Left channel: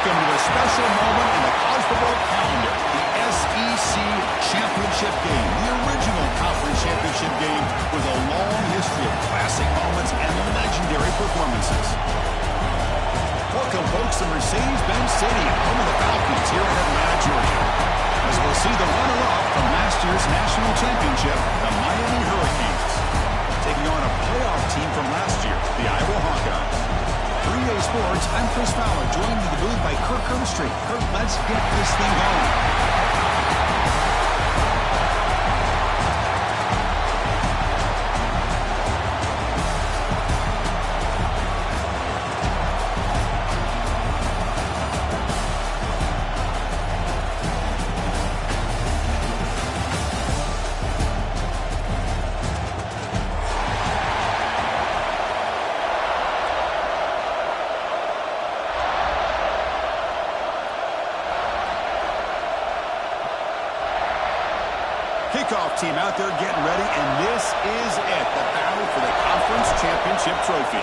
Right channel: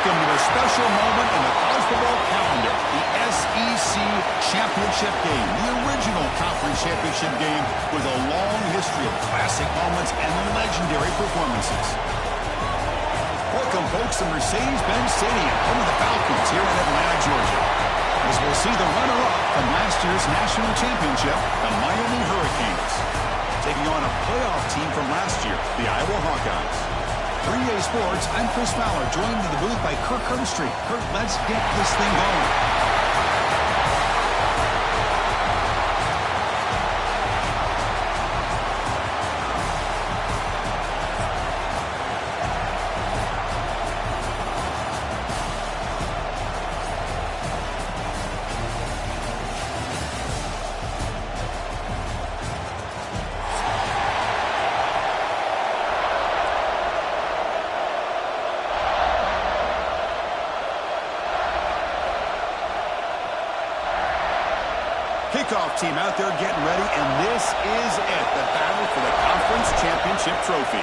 Welcome to a special moment in the college football calendar, the SEC Championship game, the original conference championship game with a long history of classic moments and legendary performances. Welcome, folks, to Mercedes-Benz Stadium, home of the Falcons here in Atlanta, Georgia, as we'll see the runner-up from last year's national championship, the Miami Hurricanes, taking on a playoff team from last year, the Iowa Hawkeyes. 3A Sports, I'm Chris Fowler, joined in the booth by Kirk Herbstreit. Kirk, let's get this thing going. Kickoff team out there getting ready, and this is it, the battle for the conference championship trophy.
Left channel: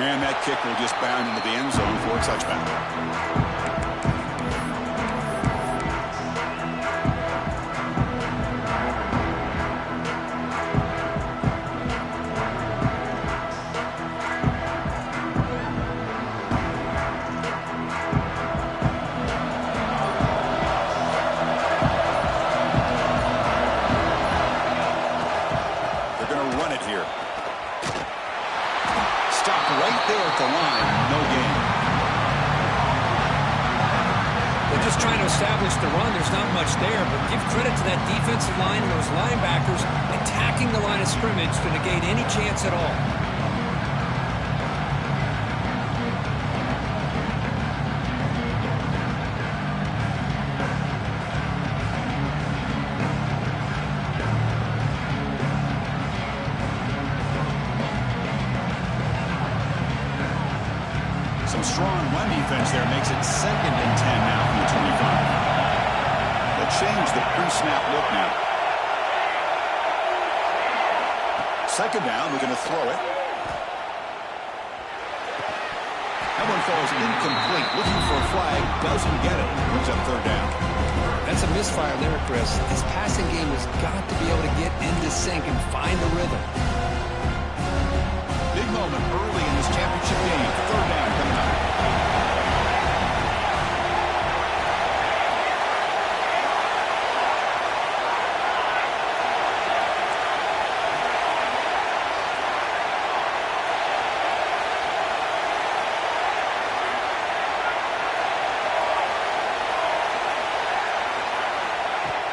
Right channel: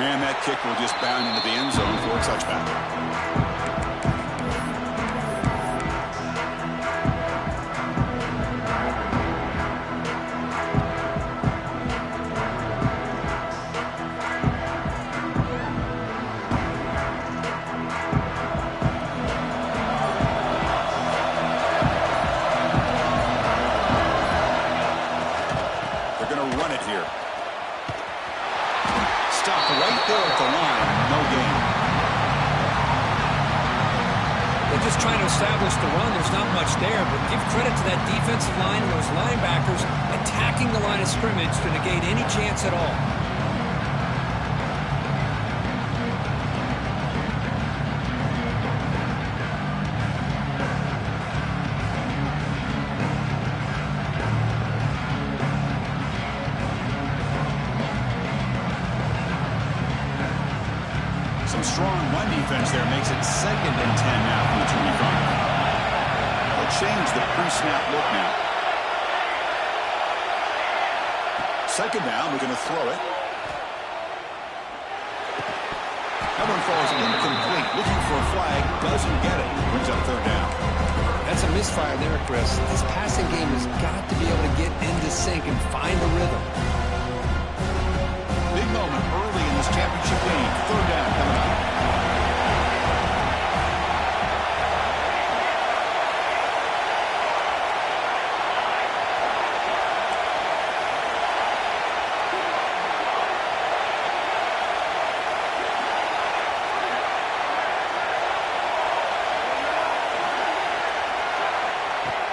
And that kick will just bound into the end zone for a touchback. Right there at the line, no gain. They're just trying to establish the run. There's not much there, but give credit to that defensive line and those linebackers attacking the line of scrimmage to negate any chance at all. Strong run defense there makes it 2nd and 10 now from the 25. They'll change the pre-snap look now. 2nd down, we're going to throw it. That one falls incomplete. Looking for a flag, doesn't get it. Brings up 3rd down. That's a misfire there, Chris. This passing game has got to be able to get into sync and find a rhythm. Big moment early in this championship game. 3rd down coming up.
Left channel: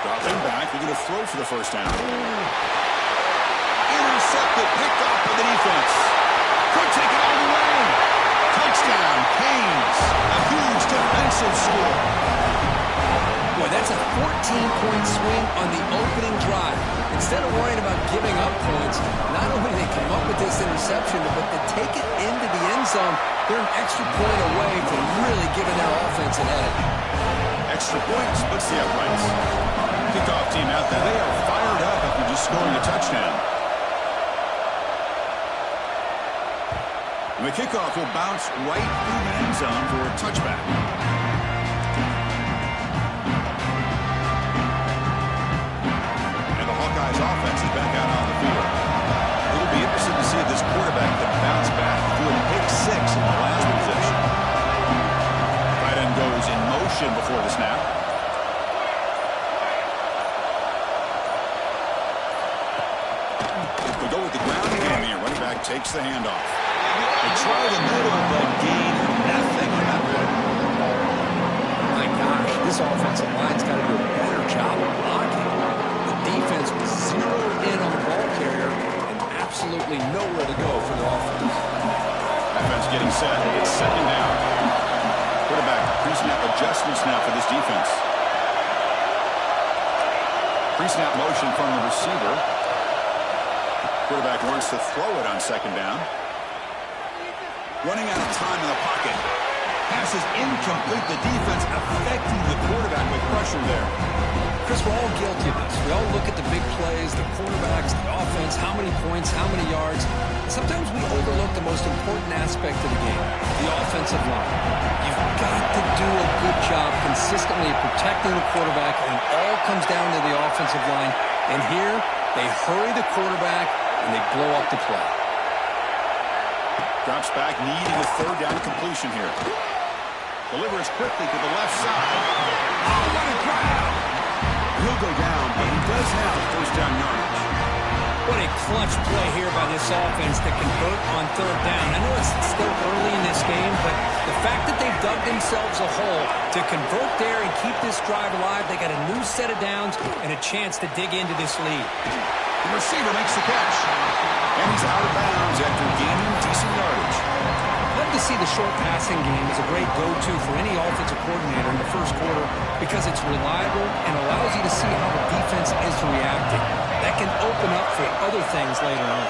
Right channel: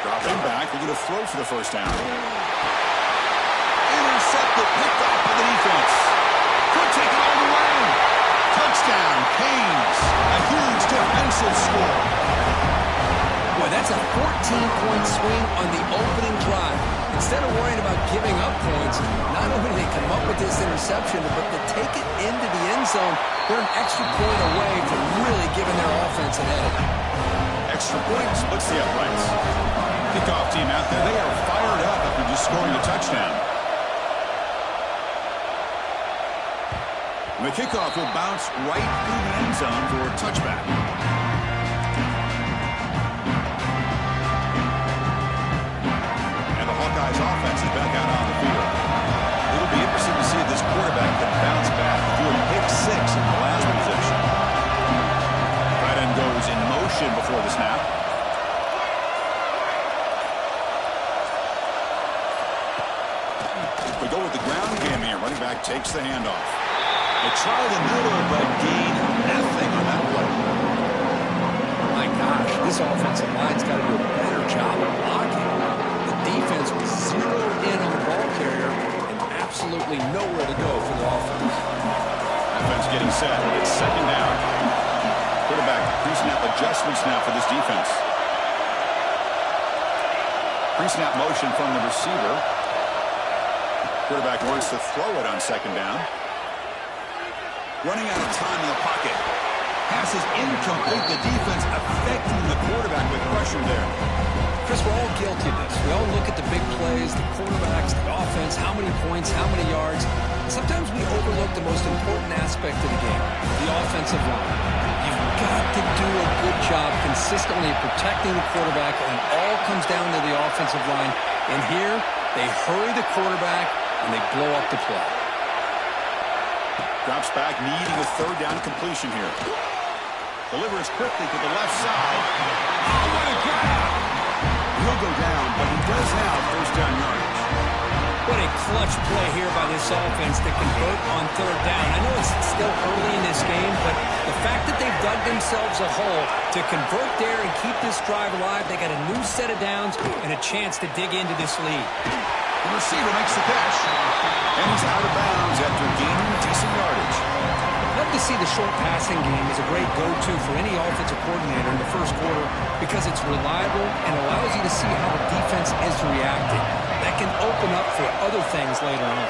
Dropping back, we're going to throw for the 1st down. Intercepted, picked off by the defense. Could take it all the way. Touchdown, Canes. A huge defensive score. Boy, that's a 14-point swing on the opening drive. Instead of worrying about giving up points, not only did they come up with this interception, but to take it into the end zone, they're an extra point away from really giving their offense an edge. Extra point splits the uprights. Kickoff team out there, they are fired up after just scoring a touchdown. And the kickoff will bounce right through the end zone for a touchback. And the Hawkeyes offense is back out on the field. It'll be interesting to see if this quarterback can bounce back through a pick 6 in the last possession. Tight end goes in motion before the snap. We go with the ground game here. Running back takes the handoff. They try the middle, but gain nothing on that play. My gosh, this offensive line's got to do a better job of blocking. The defense was zeroed in on the ball carrier and absolutely nowhere to go for the offense. Offense getting set. It's 2nd down. Quarterback pre-snap adjustments now for this defense. Pre-snap motion from the receiver. Quarterback wants to throw it on 2nd down. Running out of time in the pocket. Pass is incomplete. The defense affecting the quarterback threat with pressure there. Chris, we're all guilty of this. We all look at the big plays, the quarterbacks, the offense, how many points, how many yards. And sometimes we overlook the most important aspect of the game, the offensive line. You've got to do a good job consistently protecting the quarterback, and it all comes down to the offensive line. And here, they hurry the quarterback, and they blow up the play. Drops back, needing a third down completion here. Delivers quickly to the left side. Oh, what a grab! He'll go down, but he does have first down yardage. What a clutch play here by this offense to convert on third down. I know it's still early in this game, but the fact that they've dug themselves a hole to convert there and keep this drive alive, they got a new set of downs and a chance to dig into this lead. The receiver makes the catch. And he's out of bounds after gaining decent yardage. Love to see the short passing game as a great go-to for any offensive coordinator in the first quarter because it's reliable and allows you to see how the defense is reacting. That can open up for other things later on.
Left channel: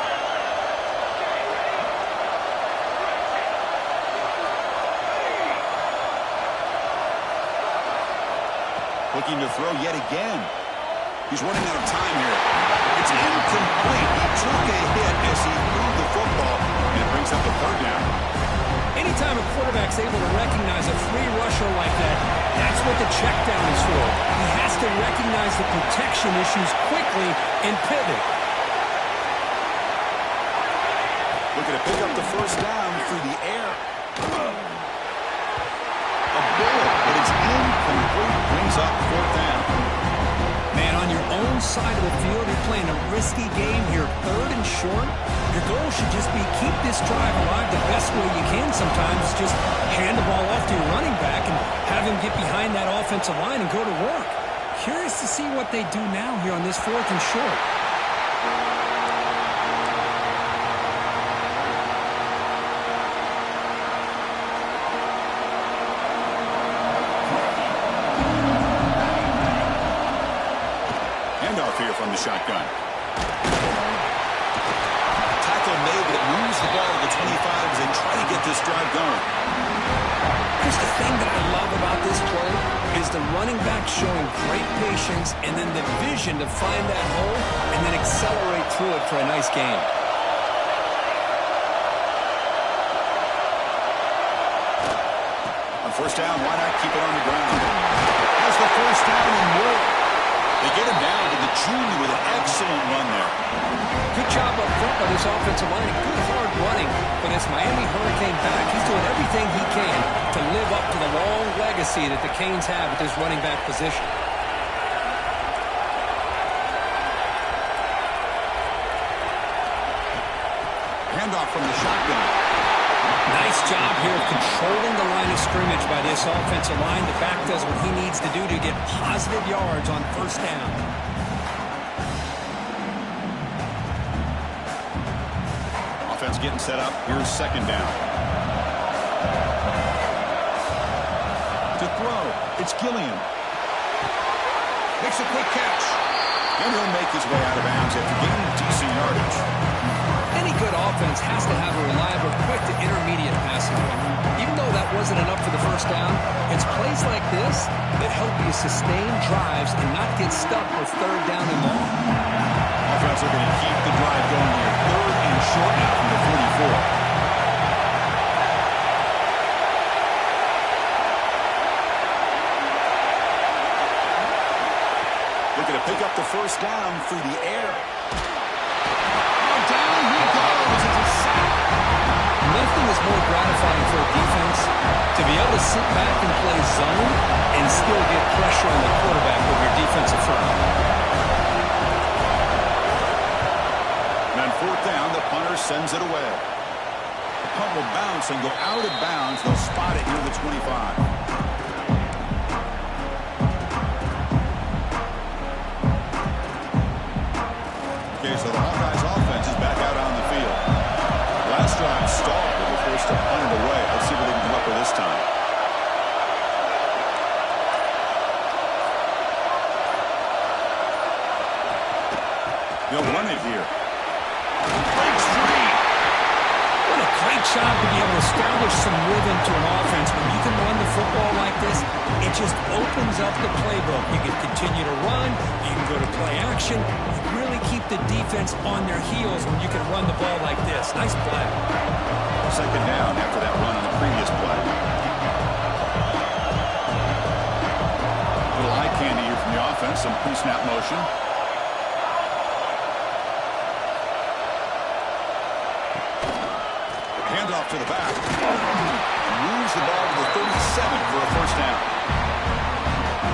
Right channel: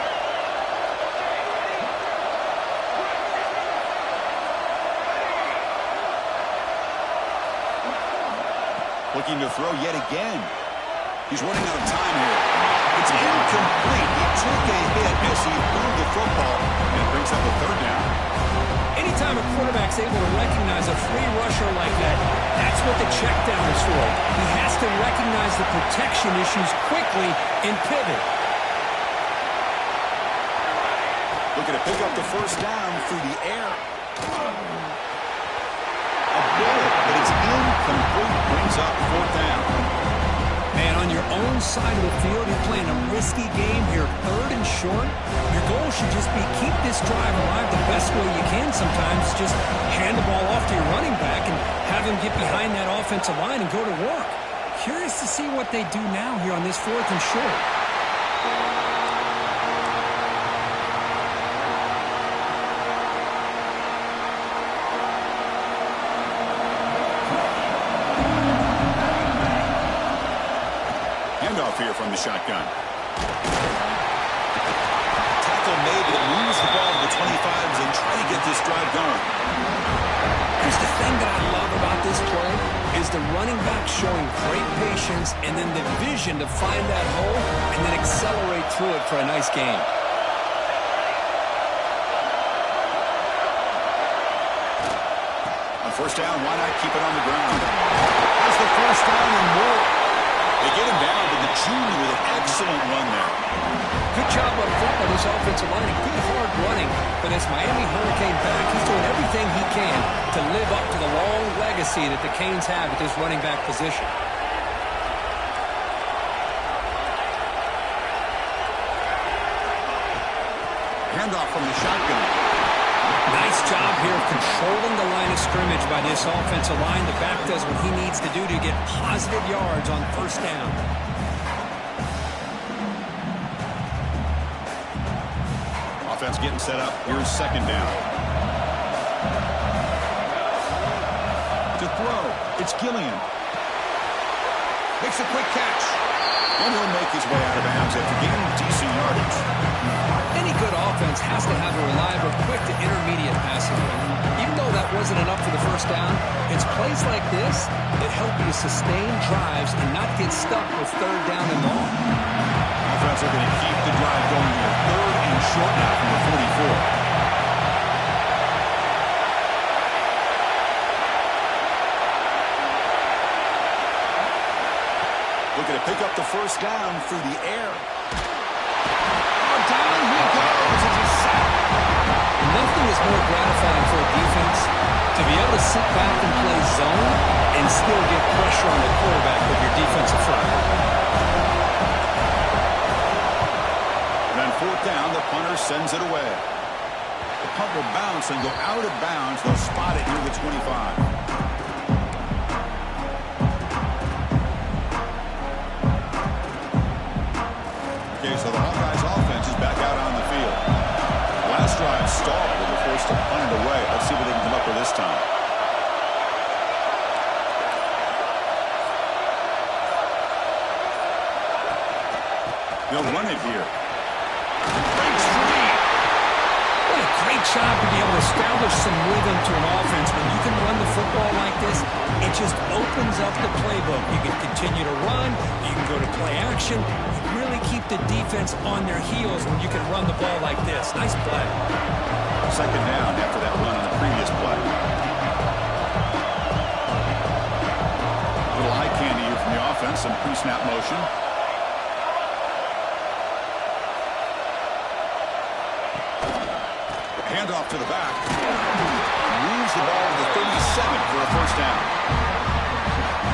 Looking to throw yet again. He's running out of time here. It's incomplete. He took a hit as he threw the football, and it brings up a third down. Anytime a quarterback's able to recognize a free rusher like that, that's what the check down is for. He has to recognize the protection issues quickly and pivot. Looking to pick up the first down through the air. A bullet, but it's incomplete. Brings up fourth down. Man, on your own side of the field, you're playing a risky game here, third and short. Your goal should just be keep this drive alive the best way you can sometimes. Just hand the ball off to your running back and have him get behind that offensive line and go to work. Curious to see what they do now here on this fourth and short. Handoff here from the shotgun. Tackle made, but it moves the ball to the 25s and try to get this drive going. Here's the thing that I love about this play is the running back showing great patience and then the vision to find that hole and then accelerate through it for a nice gain. On first down, why not keep it on the ground? Has the first down and more. They get him down to the junior with an excellent run there. Good job up front by this offensive line and good hard running. But as Miami Hurricane back, he's doing everything he can to live up to the long legacy that the Canes have at this running back position. Handoff from the shotgun. Nice job here of controlling the line of scrimmage by this offensive line. The back does what he needs to do to get positive yards on first down. Offense getting set up. Here's second down. To throw, it's Gilliam. Makes a quick catch. And he'll make his way out of bounds after gaining decent yardage. Any good offense has to have a reliable, quick to intermediate passing game. Even though that wasn't enough for the first down, it's plays like this that help you sustain drives and not get stuck with third down and long. Offense are going to keep the drive going here. Third and short now from the 44. Looking to pick up the first down through the air. Oh, down he goes. It's a sack. Nothing is more gratifying for a defense to be able to sit back and play zone and still get pressure on the quarterback with your defensive front. And on fourth down, the punter sends it away. The punt will bounce and go out of bounds. They'll spot it near the 25. Okay, so the Hawkeyes offense is back out on the field. Last drive stalled and were forced to punt it away. Let's see what they can come up with this time. They'll run it here. Breaks free. What a Great job to be able to establish some rhythm to an offense. When you can run the football like this, it just opens up the playbook. You can continue to run. You can go to play action. You really keep the defense on their heels when you can run the ball like this. Nice play. Second down after that run on the previous play. Little eye candy here from the offense. Some pre-snap motion. Handoff to the back. Moves the ball to the 37 for a first down.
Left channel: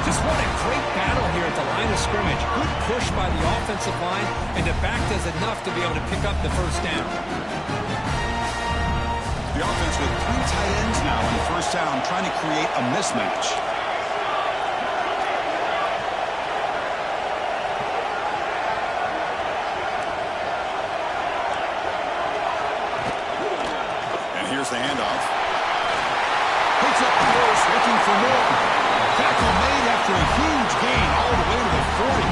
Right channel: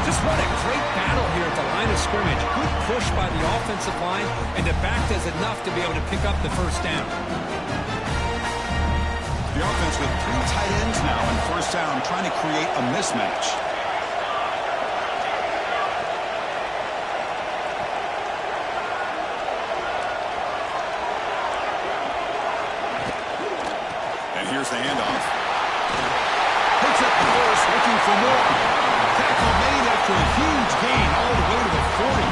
Just what a great battle here at the line of scrimmage. Good push by the offensive line, and the back does enough to be able to pick up the first down. The offense with 3 tight ends now in first down, trying to create a mismatch. Here's the handoff. Picks up the first, looking for more. Tackle made after a huge gain all the way to the 40.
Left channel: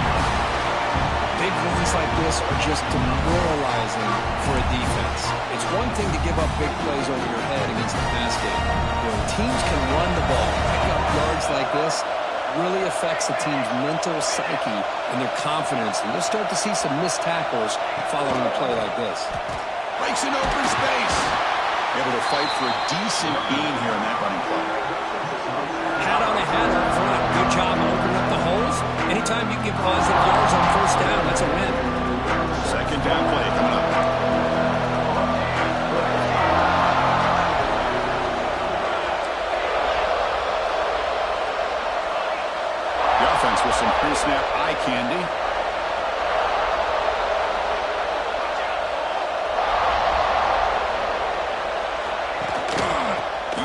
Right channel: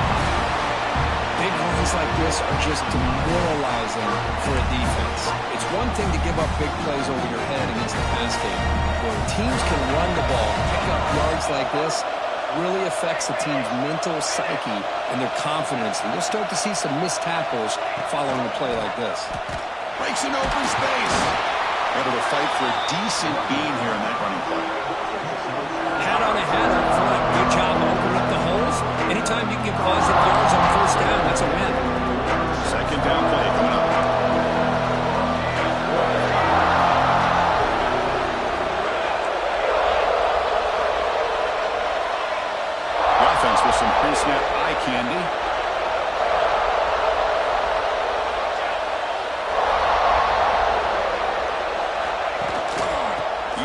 Big runs like this are just demoralizing for a defense. It's one thing to give up big plays over your head against the pass game. When teams can run the ball, pick up yards like this, really affects the team's mental psyche and their confidence. And you'll start to see some missed tackles following a play like this. Breaks an open space. Able to fight for a decent gain here in that running play. Hat on a hat up front. Good job opening up the holes. Anytime you can get positive yards on first down, that's a win. Second down play coming up. The offense with some pre-snap eye candy.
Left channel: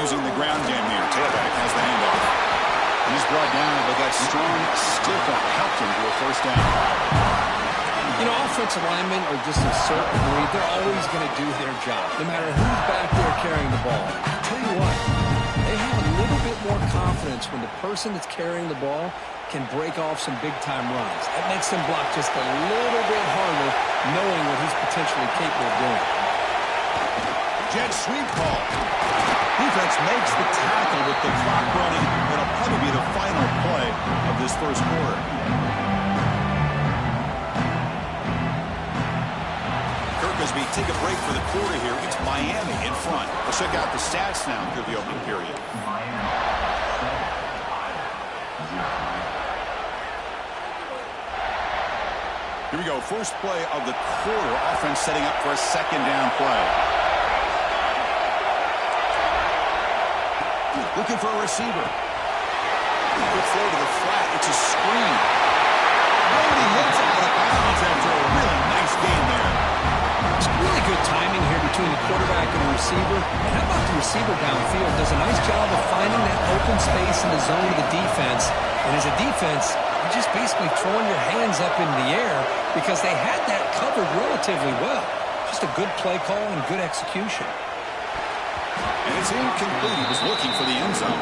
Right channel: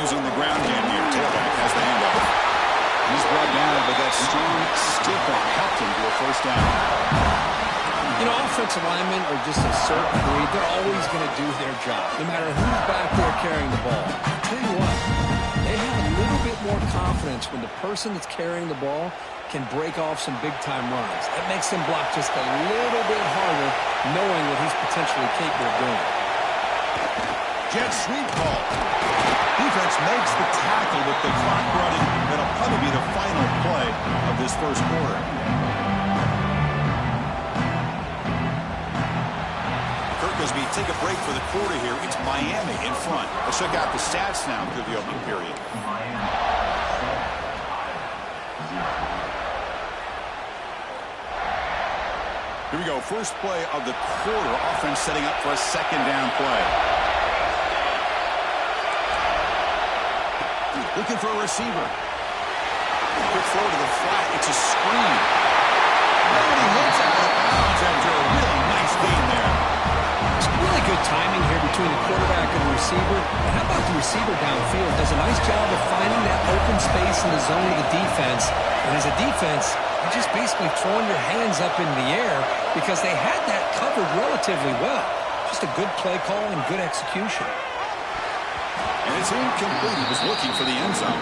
Using the ground game here. Tailback has the handoff. And he's brought down, but that strong, stiff arm helped him to a first down. You know, offensive linemen are just a certain breed. They're always going to do their job, no matter who's back there carrying the ball. I'll tell you what, they have a little bit more confidence when the person that's carrying the ball can break off some big-time runs. That makes them block just a little bit harder, knowing what he's potentially capable of doing. Jet sweep call. Defense makes the tackle with the clock running. That'll probably be the final play of this first quarter. Kirk, as we take a break for the quarter here, it's Miami in front. Let's check out the stats now through the opening period. Here we go. First play of the quarter. Offense setting up for a second down play. Looking for a receiver. Quick throw to the flat. It's a screen. Nobody hits out of bounds after a really nice gain there. It's really good timing here between the quarterback and the receiver. And how about the receiver downfield? Does a nice job of finding that open space in the zone of the defense. And as a defense, you're just basically throwing your hands up in the air because they had that covered relatively well. Just a good play call and good execution. And it's incomplete. He was looking for the end zone.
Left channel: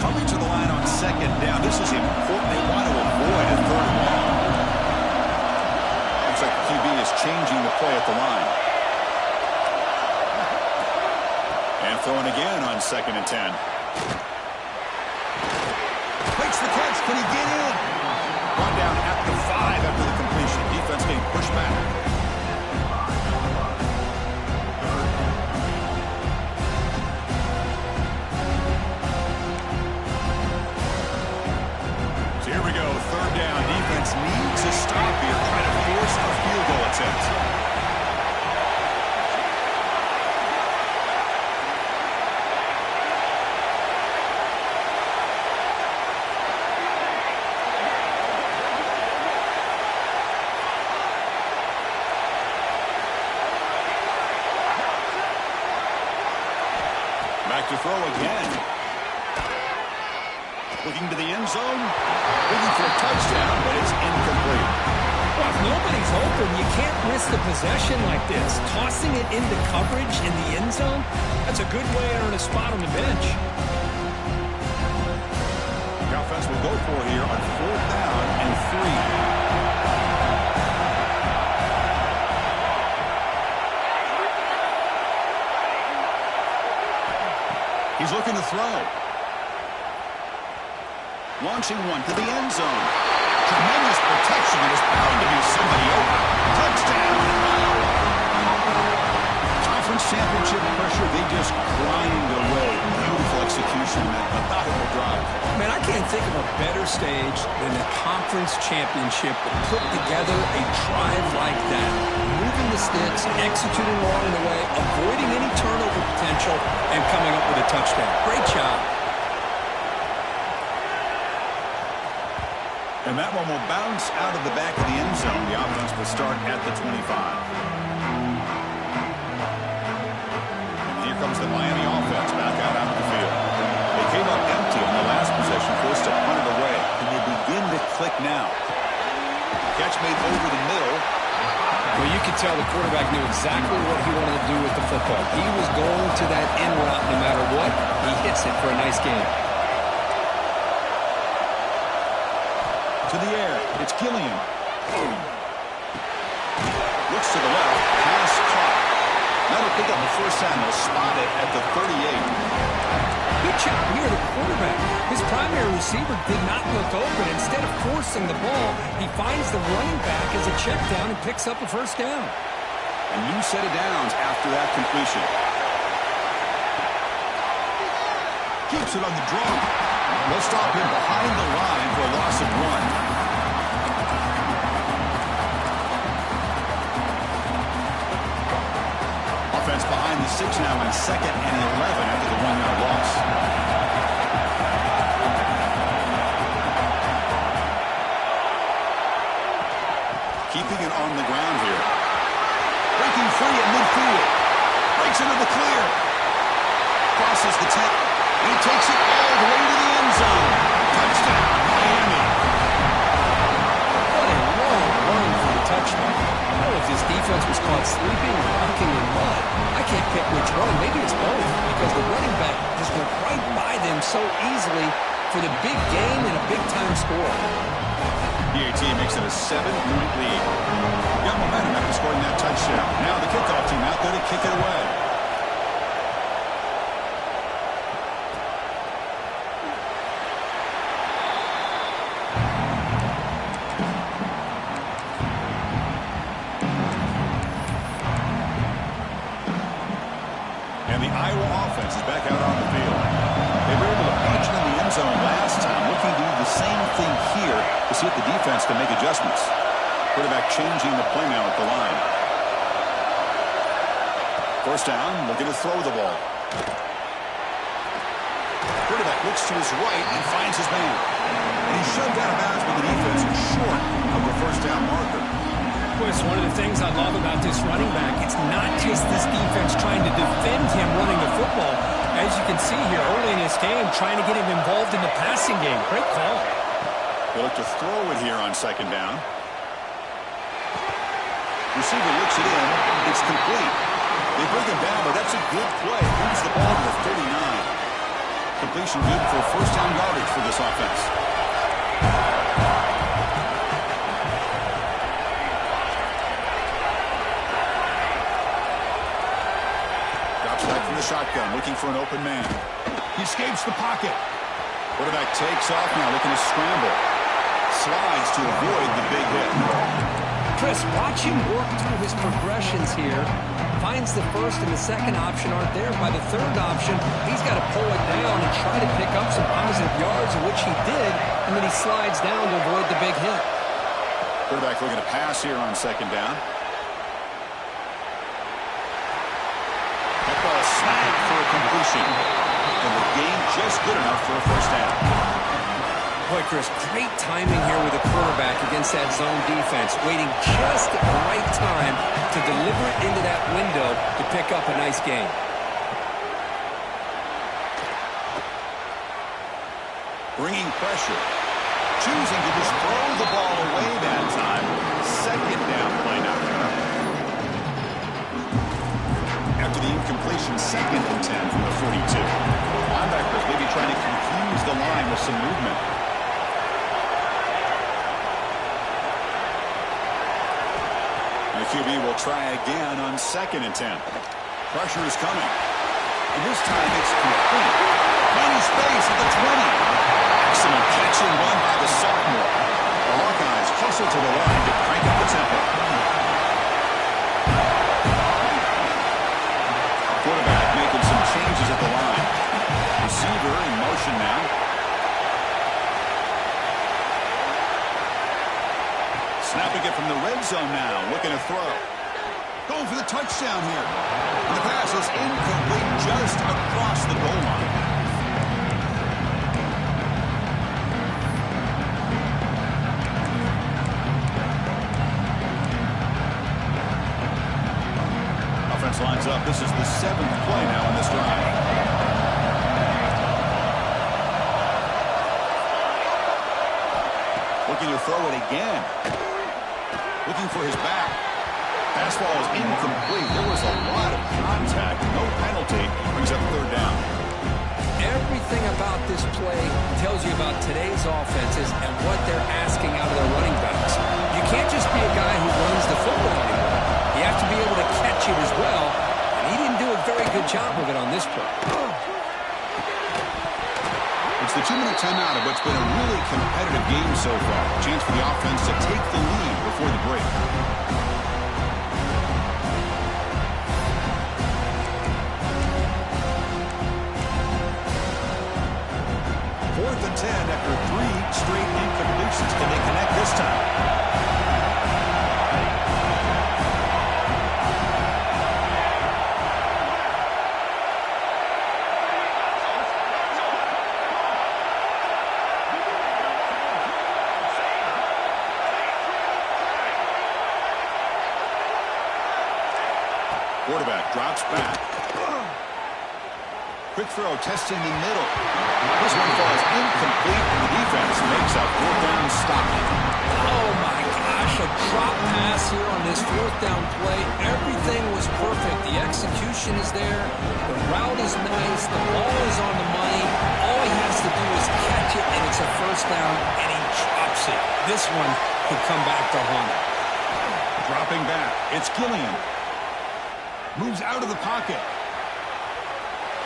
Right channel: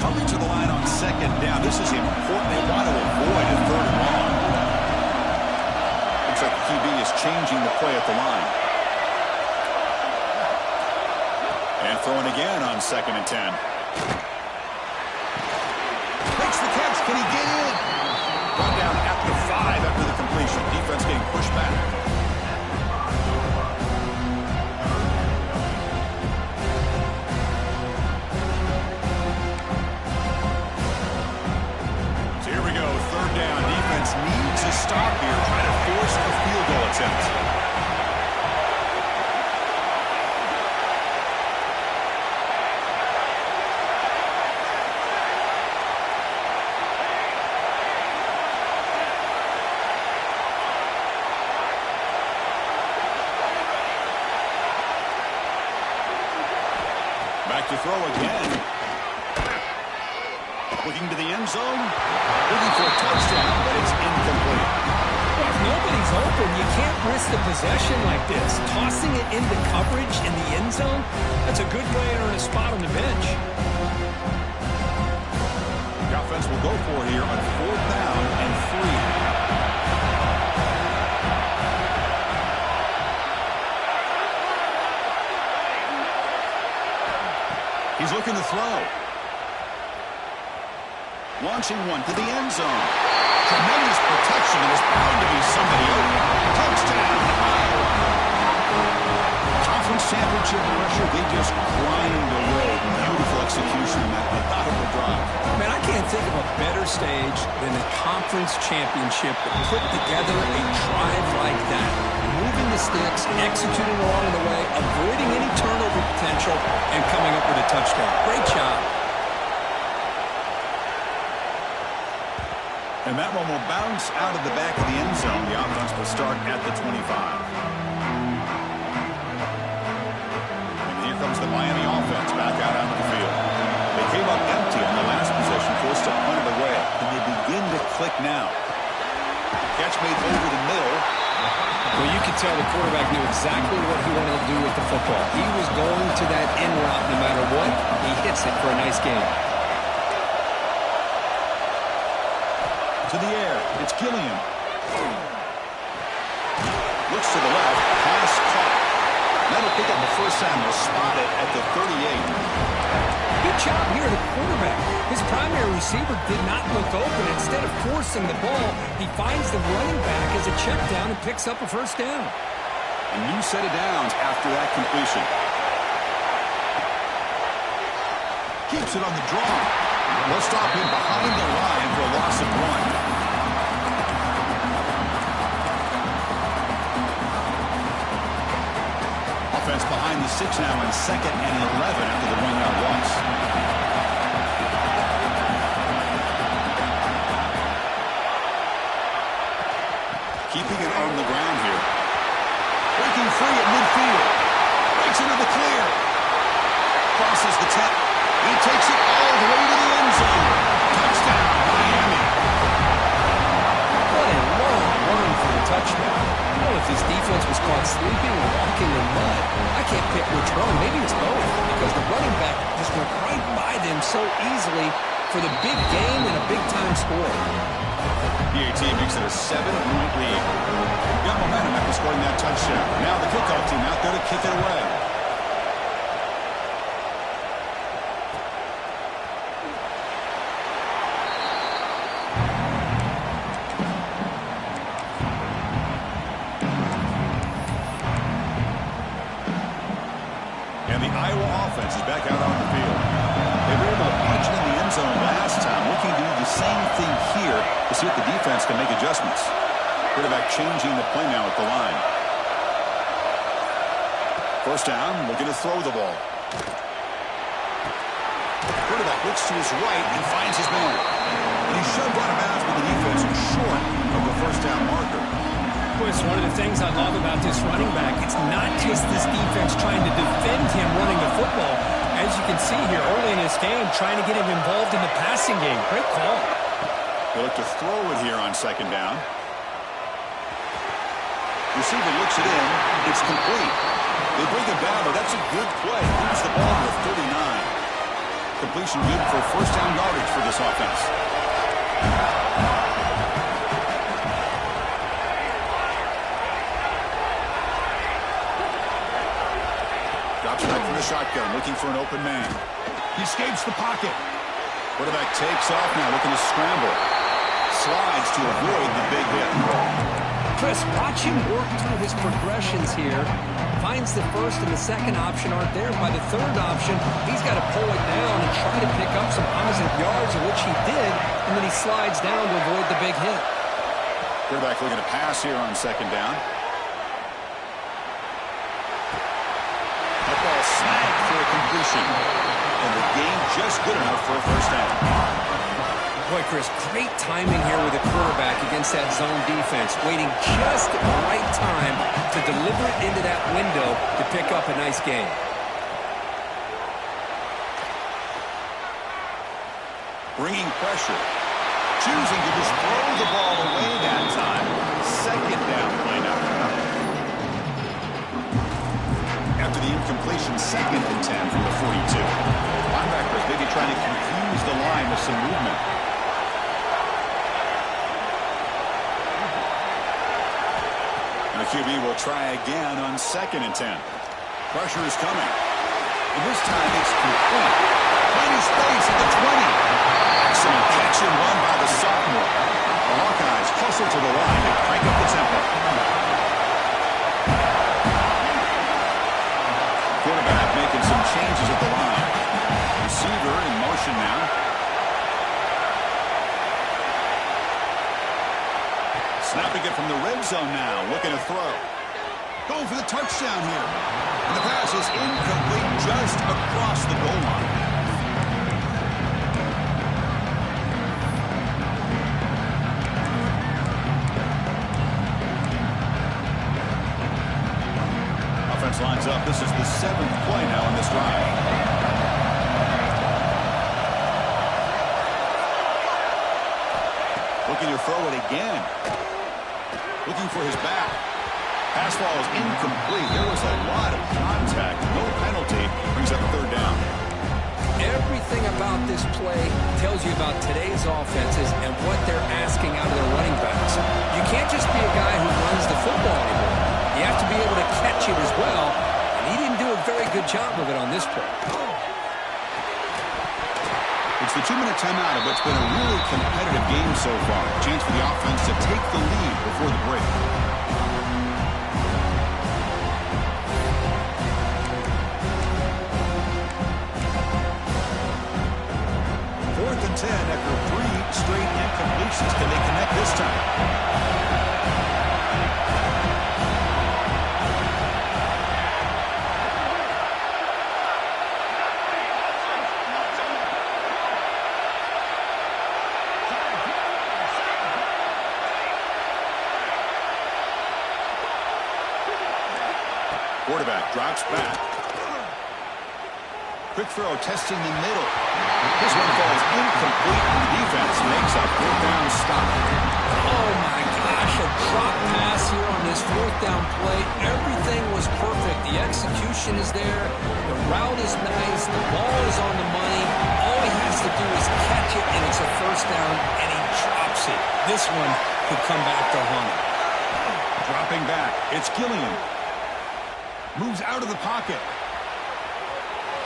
Coming to the line on second down. This is important. They want to avoid a third and long. Looks like the QB is changing the play at the line. And throwing again on 2nd and 10. Makes the catch. Can he get in? Brought down at the 5 after the completion. Defense getting pushed back. So here we go. 3rd down. Defense needs a stop here. Trying to force a field goal attempt. Back to throw again. Looking to the end zone. Looking for a touchdown, but it's incomplete. Well, if nobody's open, you can't risk the possession like this. Tossing it into coverage in the end zone, that's a good way to earn a spot on the bench. offense will go for it here on 4th down and 3. He's looking to throw. Launching one to the end zone. Tremendous protection. There was bound to be somebody open. Touchdown, Iowa. Conference championship pressure, they just grind away. Beautiful execution in that methodical drive. Man, I can't think of a better stage than a conference championship to put together a drive like that. Moving the sticks, executing along the way, avoiding any turnover potential, and coming up with a touchdown. Great job. And that one will bounce out of the back of the end zone. The offense will start at the 25. And here comes the Miami offense back out onto the field. They came up empty on the last possession, forced to punt it away. And they begin to click now. Catch made over the middle. Well, you could tell the quarterback knew exactly what he wanted to do with the football. He was going to that in route no matter what. He hits it for a nice game. To the air, it's Gilliam. Looks to the left, pass caught. That'll pick up the first down. They'll spot it at the 38. Good job here, the quarterback. His primary receiver did not look open. Instead of forcing the ball, he finds the running back as a check down and picks up a first down. A new set of downs after that completion. Keeps it on the draw. They'll stop him behind the line for a loss of 1. Offense behind the 6 now in 2nd and 11 after the 1-yard loss. Keeping it on the ground here. Breaking free at midfield. Breaks into the clear. Crosses the 10. He takes it all the way to the end zone. Touchdown, Miami. What a long run for the touchdown. I don't know if this defense was caught sleeping or walking in mud. I can't pick which one. Maybe it's both, because the running back just went right by them so easily for the big gain and a big-time score. PAT makes it a 7-point lead. Got momentum after scoring that touchdown. Now the kickoff team out there to kick it away. And the Iowa offense is back out on the field. They were able to punch it in the end zone last time, looking to do the same thing here to see if the defense can make adjustments. Quarterback changing the play now at the line. First down, looking to throw the ball. Quarterback looks to his right and finds his man. And he's shoved out of bounds, but the defense is short of the first down marker. Well, it's one of the things I love about this running back. It's not just this defense trying to defend him running the football. As you can see here early in this game, trying to get him involved in the passing game. Great call. They look to throw it here on 2nd down. Receiver looks it in. It's complete. They bring him down, but that's a good play. Moves the ball to the 39. Completion good for first down yardage for this offense. Drops back from the shotgun, looking for an open man. He escapes the pocket. Quarterback takes off now, looking to scramble. Slides to avoid the big hit. Chris, watch him work through his progressions here. Finds the first and the second option aren't there. By the third option, he's got to pull it down and try to pick up some positive yards, which he did, and then he slides down to avoid the big hit. Quarterback looking to pass here on 2nd down. That ball snagged for a completion. And the gain just good enough for a first down. Boy, Chris, great timing here with the quarterback against that zone defense. Waiting just at the right time to deliver it into that window to pick up a nice gain. Bringing pressure. Choosing to just throw the ball away that time. 2nd down play now. After the incompletion, 2nd and 10 from the 42. Linebackers maybe trying to confuse the line with some movement. QB will try again on 2nd and 10. Pressure is coming. And this time it's complete. Finding space at the 20. Excellent catch and run by the sophomore. The Hawkeyes hustle to the line to crank up the tempo. Quarterback making some changes at the line. Receiver in motion now. Snapping it from the red zone now. Looking to throw. Going for the touchdown here. And the pass is incomplete just across the goal line. Offense lines up. This is the 7th play now on this drive. Looking to throw it again. Looking for his back. Pass ball is incomplete. There was a lot of contact. No penalty. Brings up 3rd down. Everything about this play tells you about today's offenses and what they're asking out of their running backs. You can't just be a guy who runs the football anymore. You have to be able to catch it as well, and he didn't do a very good job of it on this play. It's the 2-minute timeout of what's been a really competitive game so far. Chance for the offense to take the lead before the break. 4th and 10 after 3 straight incompletions. Can they connect this time? Quarterback drops back. Quick throw testing the middle. This one falls incomplete, and the defense makes a 4th down stop. Oh, my gosh, a drop pass here on this 4th down play. Everything was perfect. The execution is there. The route is nice. The ball is on the money. All he has to do is catch it, and it's a 1st down, and he drops it. This one could come back to haunt him. Dropping back. It's Gilliam. Moves out of the pocket.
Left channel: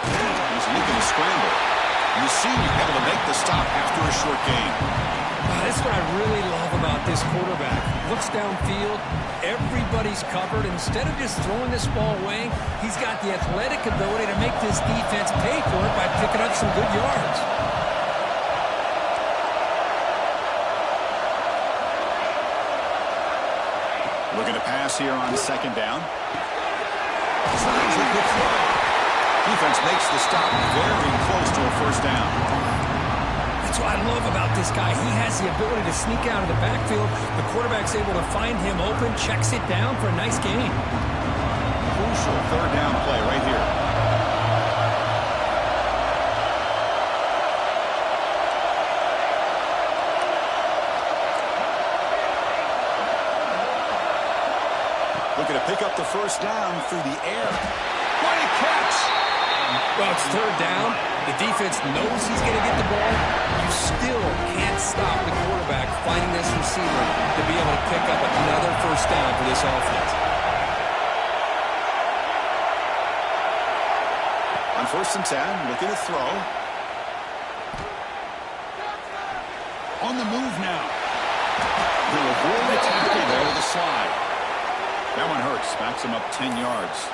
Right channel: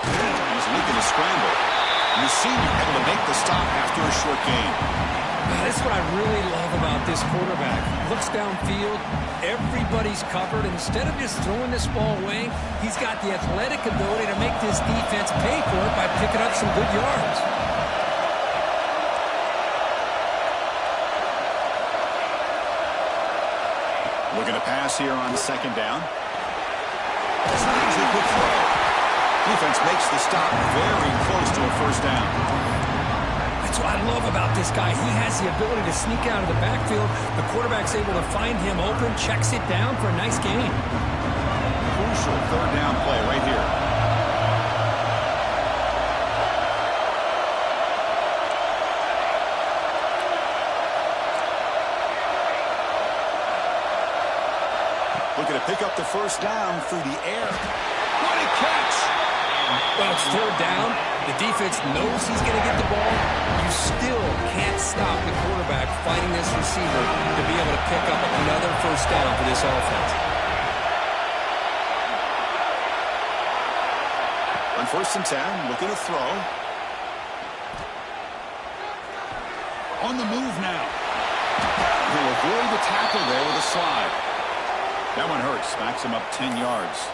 He's looking to scramble. And the senior able to make the stop after a short gain. That's what I really love about this quarterback. Looks downfield. Everybody's covered. Instead of just throwing this ball away, he's got the athletic ability to make this defense pay for it by picking up some good yards. Looking to pass here on 2nd down. It's an easy quick throw. Defense makes the stop very close to a 1st down. That's what I love about this guy. He has the ability to sneak out of the backfield. The quarterback's able to find him open, checks it down for a nice gain. Crucial 3rd down play right here. Looking to pick up the 1st down through the air. What a catch! Well, it's 3rd down. The defense knows he's going to get the ball. You still can't stop the quarterback finding this receiver to be able to pick up another 1st down for this offense. On 1st and 10, looking to throw. On the move now. He'll avoid the tackle there with a slide. That one hurts. Backs him up 10 yards.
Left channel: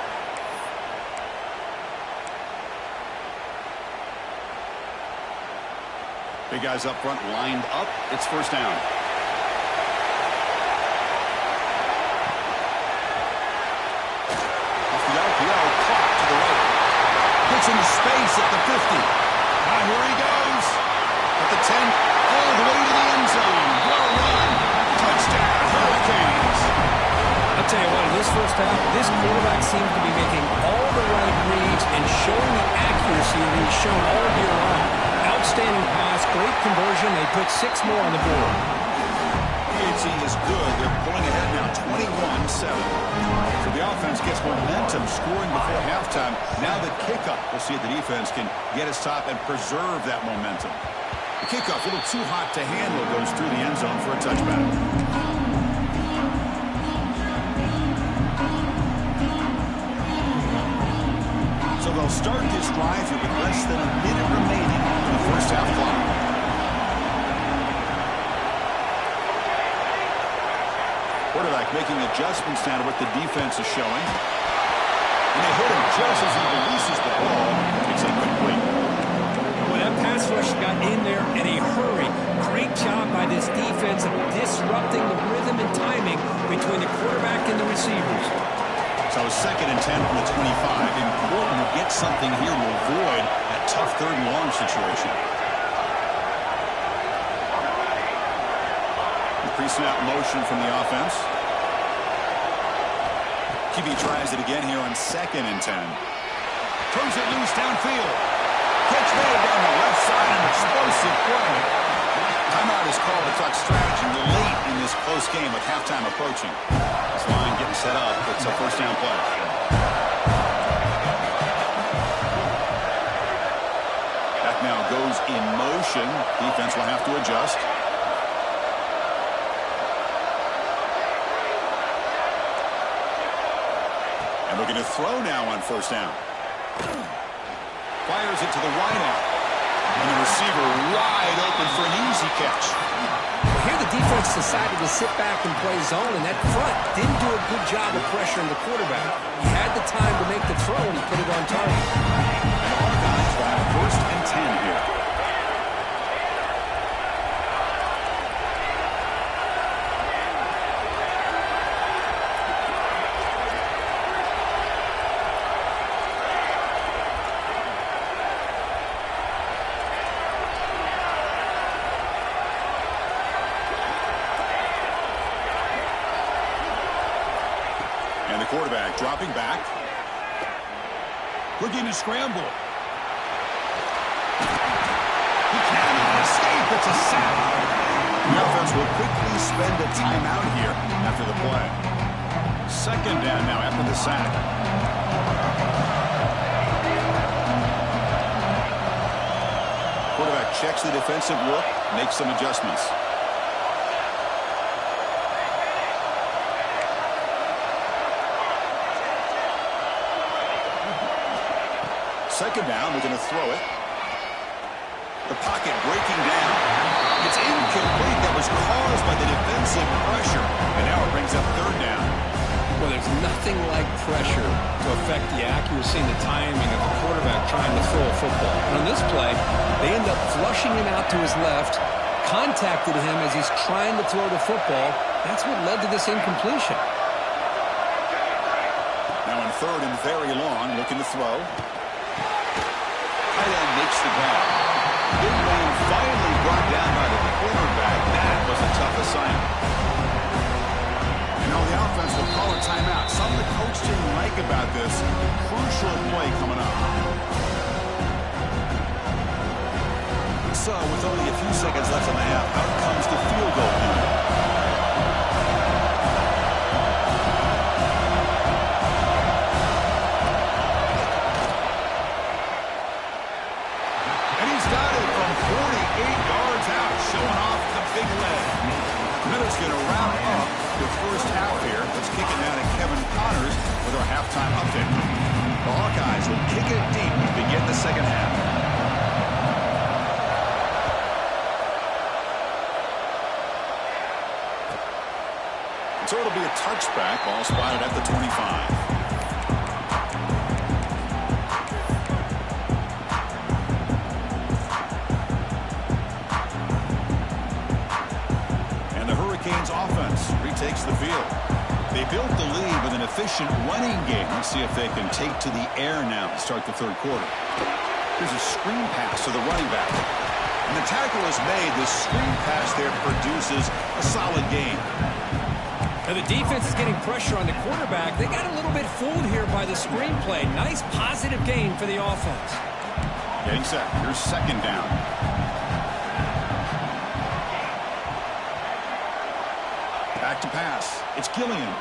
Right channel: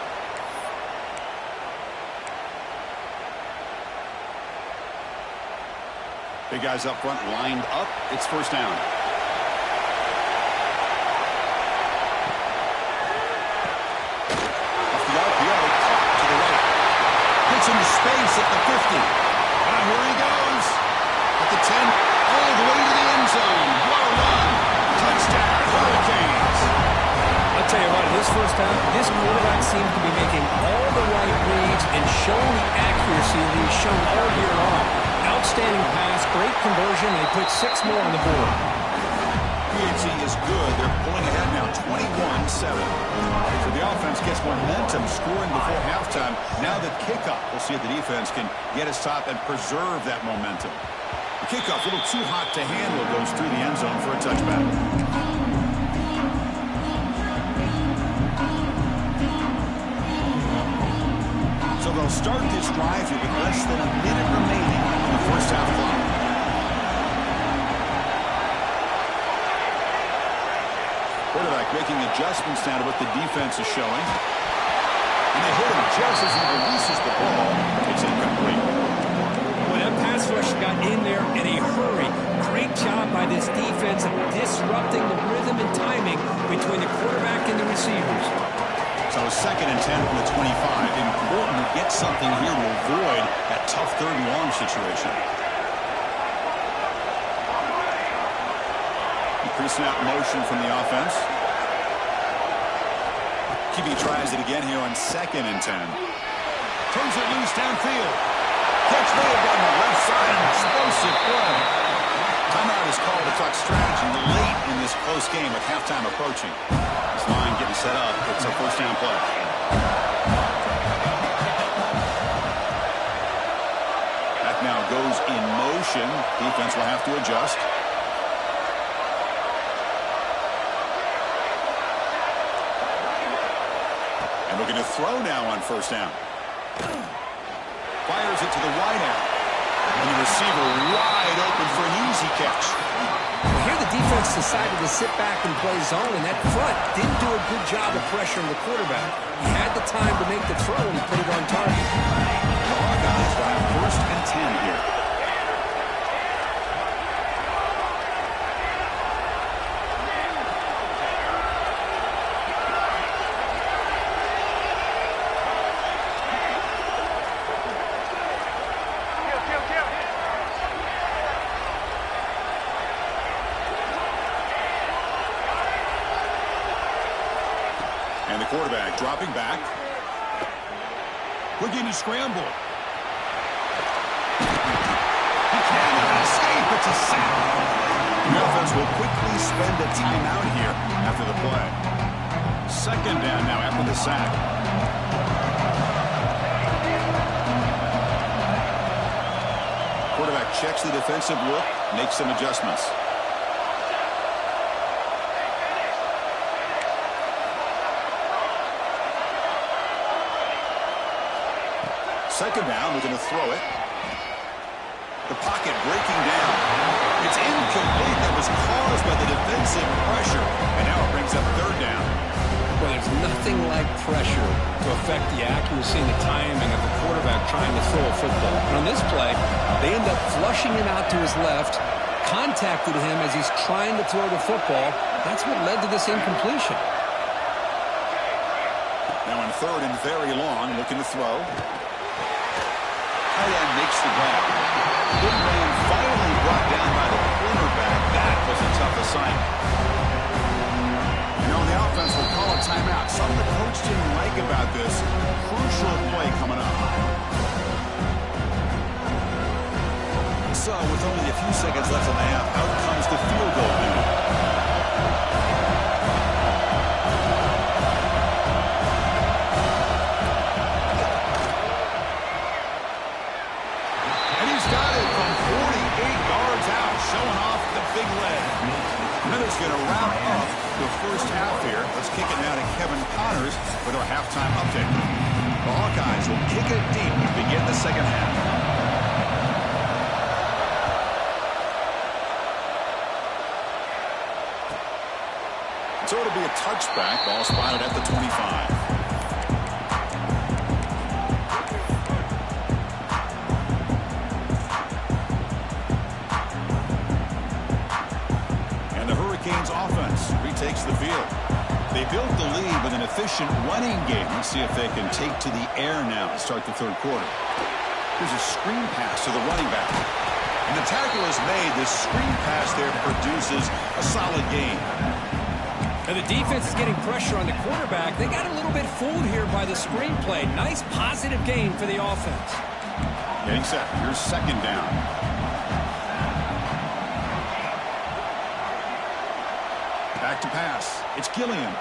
Big guys up front lined up. It's 1st down. Off the RPO, caught to the right. Gets into space at the 50. Here he goes. At the 10, all the way to the end zone. What a run. Touchdown, Hurricanes. I'll tell you what, in this 1st half, this quarterback seems to be making all the right reads and showing the accuracy that he's shown all year long. Outstanding pass, great conversion. They put 6 more on the board. PHC is good. They're pulling ahead now, 21-7. So the offense gets momentum, scoring before halftime. Now the kickoff. We'll see if the defense can get a stop and preserve that momentum. The kickoff, a little too hot to handle, goes through the end zone for a touchback. they'll start this drive here with less than a minute remaining on the first half clock. Quarterback making adjustments now to what the defense is showing. And they hit him just as he releases the ball. It's incomplete. Well, that pass rush got in there in a hurry. Great job by this defense of disrupting the rhythm and timing between the quarterback and the receivers. So 2nd and 10 from the 25. Important to get something here to avoid that tough 3rd and long situation. Pre-snap motion from the offense. QB tries it again here on 2nd and 10. Turns it loose downfield. Catch made down the left side. An explosive play. Timeout is called to talk strategy late in this close game with halftime approaching. This line getting set up. It's a first down play. That now goes in motion. Defense will have to adjust. And looking to throw now on first down. Fires it to the wideout. And the receiver wide open for an easy catch. Well, here the defense decided to sit back and play zone, and that front didn't do a good job of pressuring the quarterback. He had the time to make the throw, and he put it on target. And the Hawkeyes will have 1st and 10 here. And the quarterback dropping back. Looking to scramble. He cannot escape. It's a sack. The offense will quickly spend a timeout here after the play. 2nd down now after the sack. Quarterback checks the defensive look, makes some adjustments. Second down, looking to throw it. The pocket breaking down. It's incomplete. That was caused by the defensive pressure. And now it brings up 3rd down. Well, there's nothing like pressure to affect the accuracy and the timing of the quarterback trying to throw a football. And on this play, they end up flushing him out to his left, contacted him as he's trying to throw the football. That's what led to this incompletion. Now on 3rd and very long, looking to throw. Tight end makes the grab. Big man finally brought down by the cornerback. That was a tough assignment. You know, the offense will call a timeout. Something the coach didn't like about this. Crucial play coming up. So, with only a few seconds left in the half, out comes the field goal unit. Showing off the big leg. Miller's going to wrap up the first half here. Let's kick it now to Kevin Connors with our halftime update. The Hawkeyes will kick it deep to begin the second half. So it'll be a touchback. Ball spotted at the 25. Offense retakes the field. They built the lead with an efficient running game. Let's see if they can take to the air now to start the 3rd quarter. Here's a screen pass to the running back. And the tackle is made. This screen pass there produces a solid gain. And the defense is getting pressure on the quarterback. They got a little bit fooled here by the screen play. Nice positive gain for the offense. Getting set. Here's 2nd down. Back to pass. It's Gilliam.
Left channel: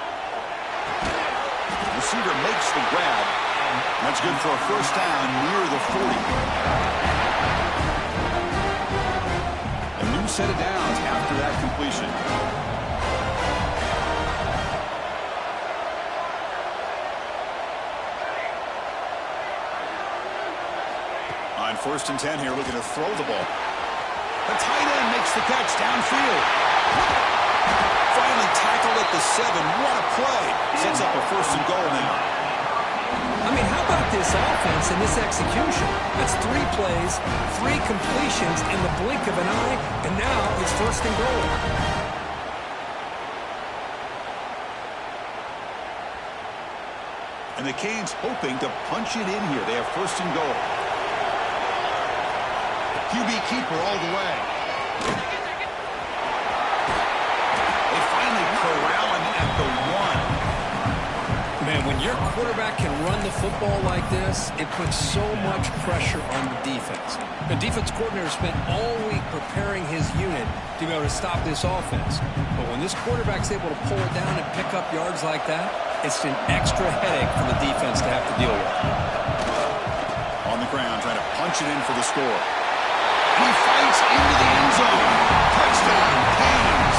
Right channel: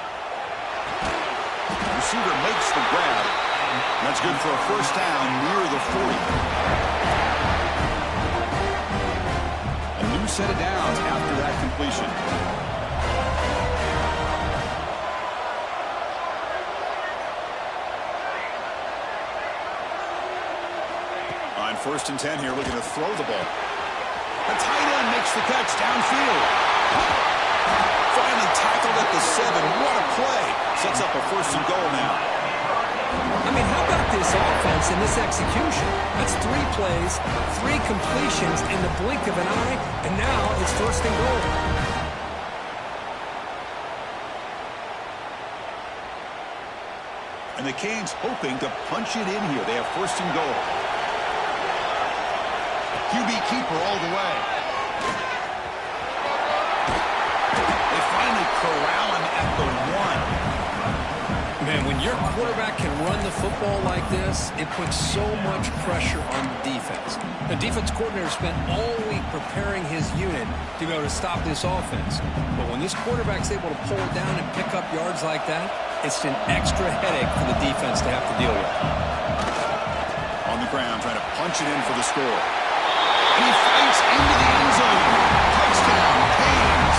Receiver makes the grab. That's good for a first down near the 40. A new set of downs after that completion. On 1st and 10 here, looking to throw the ball. The tight end makes the catch downfield. Finally tackled at the 7. What a play. Sets up a 1st and goal now. I mean, how about this offense and this execution? That's 3 plays, 3 completions in the blink of an eye, and now it's 1st and goal. And the Canes hoping to punch it in here. They have 1st and goal. QB keeper all the way. They finally corral him at the 1. Man, when your quarterback can run the football like this, it puts so much pressure on the defense. The defense coordinator spent all week preparing his unit to be able to stop this offense. But when this quarterback's able to pull it down and pick up yards like that, it's an extra headache for the defense to have to deal with. On the ground, trying to punch it in for the score. And he fights into the end zone. Touchdown, Canes.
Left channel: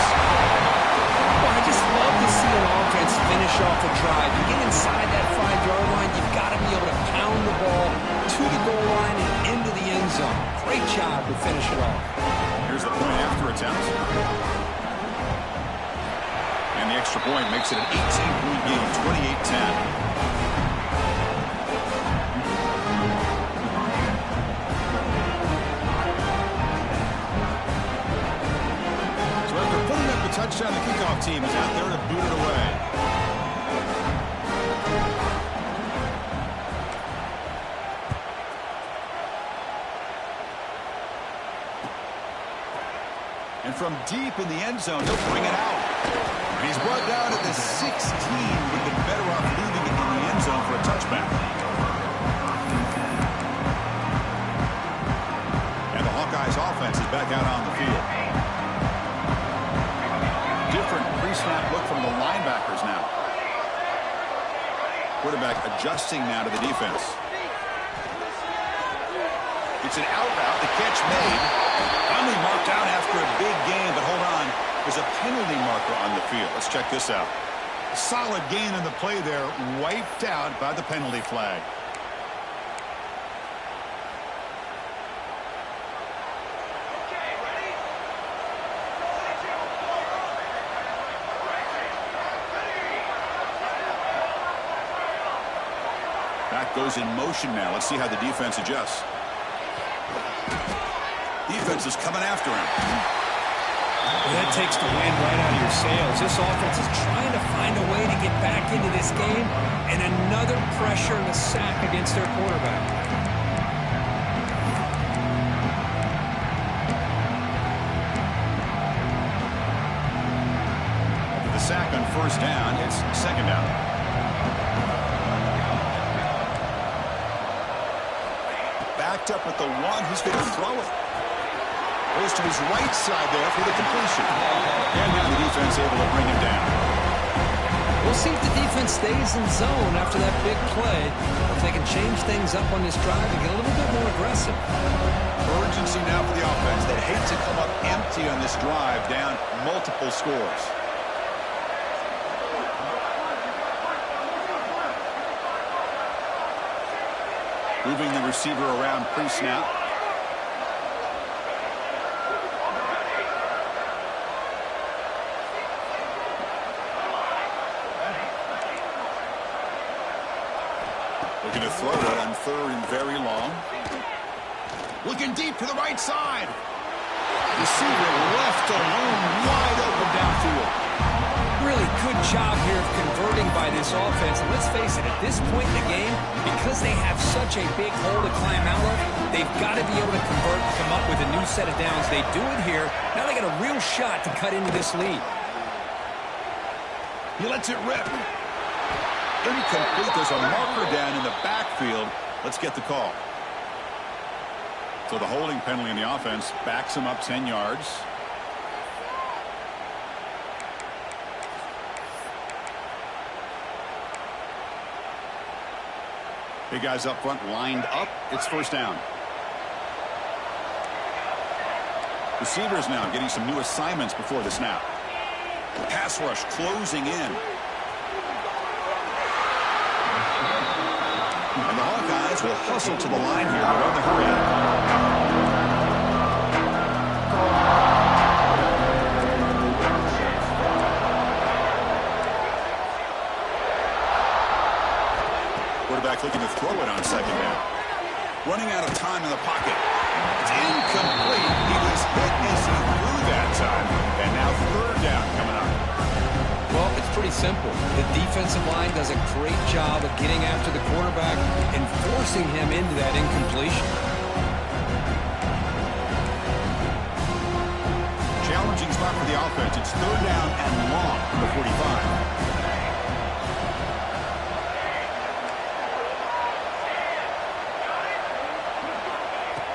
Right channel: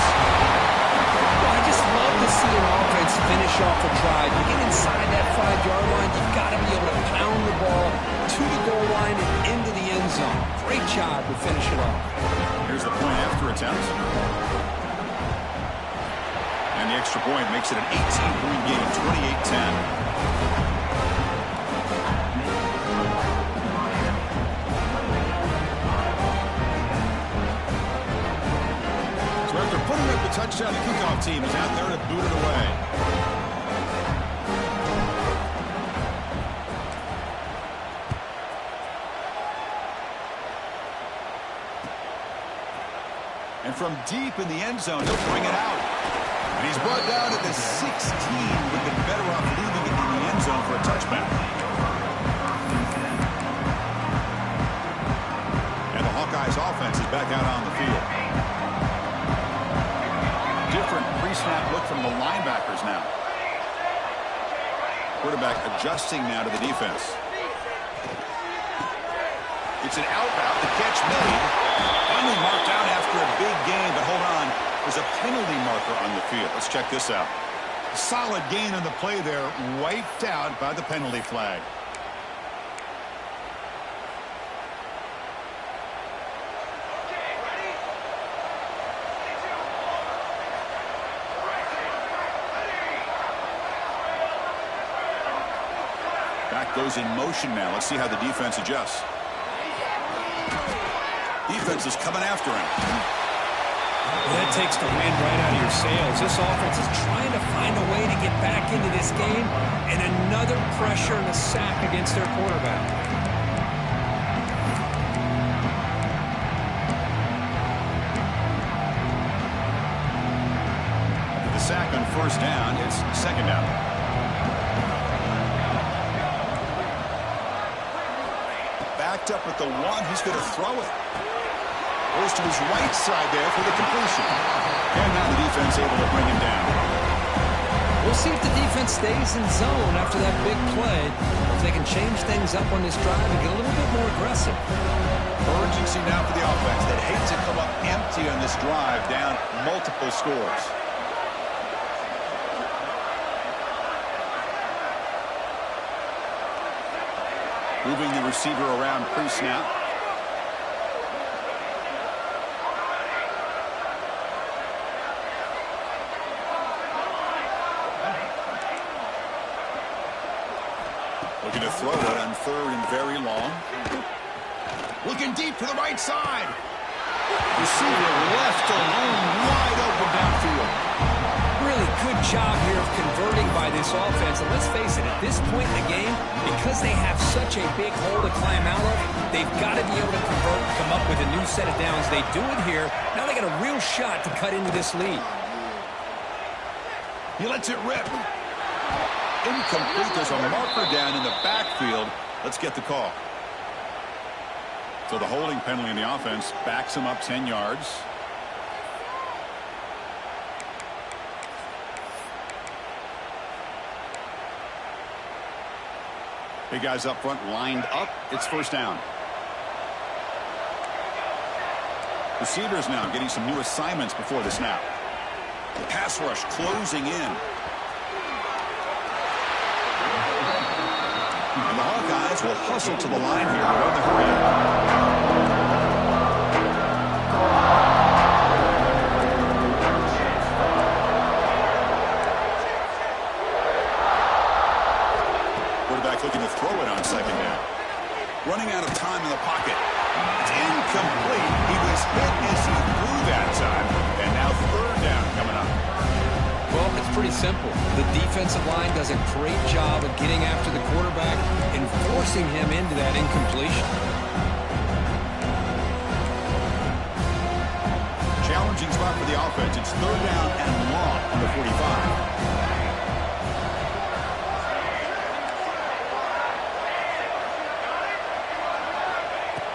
Well, I just love to see an offense finish off a drive. You get inside that 5-yard line, you've got to be able to pound the ball to the goal line and into the end zone. Great job to finish it off. Here's the point after attempt. And the extra point makes it an 18-point game, 28-10. Putting up the touchdown, the kickoff team is out there to boot it away. And from deep in the end zone, he'll bring it out. And he's brought down at the 16. Would have been better off leaving it in the end zone for a touchback. And the Hawkeyes offense is back out on the field. Different pre-snap look from the linebackers now. Quarterback adjusting now to the defense. It's an out route. The catch made. Finally marked out after a big gain, but hold on. There's a penalty marker on the field. Let's check this out. Solid gain on the play there. Wiped out by the penalty flag. Back goes in motion now. Let's see how the defense adjusts. Defense is coming after him. Well, that takes the wind right out of your sails. This offense is trying to find a way to get back into this game, and another pressure and a sack against their quarterback. After the sack on 1st down, it's 2nd down. Backed up at the 1, he's going to throw it. Goes to his right side there for the completion. And now the defense able to bring him down. We'll see if the defense stays in zone after that big play, or if they can change things up on this drive and get a little bit more aggressive. Urgency now for the offense. They'd hate to come up empty on this drive, down multiple scores. Moving the receiver around pre-snap. Looking to throw it on 3rd and very long. Looking deep to the right side. Receiver left alone, wide open downfield. Really good job here of converting by this offense. And let's face it, at this point in the game, because they have such a big hole to climb out of, they've got to be able to convert and come up with a new set of downs. They do it here. Now they got a real shot to cut into this lead. He lets it rip. Incomplete. There's a marker down in the backfield. Let's get the call. So the holding penalty in the offense backs him up 10 yards. Big guys up front lined up. It's 1st down. Receivers now getting some new assignments before the snap. Pass rush closing in. And the Hawkeyes will hustle to the line here to run the hurry up. Quarterback looking to throw it on second down. Running out of time in the pocket. It's incomplete. He was hit as he threw that time. And now third down coming up. Well, it's pretty simple. The defensive line does a great job of getting after the quarterback and forcing him into that incompletion. Challenging spot for the offense. It's third down and long from the 45.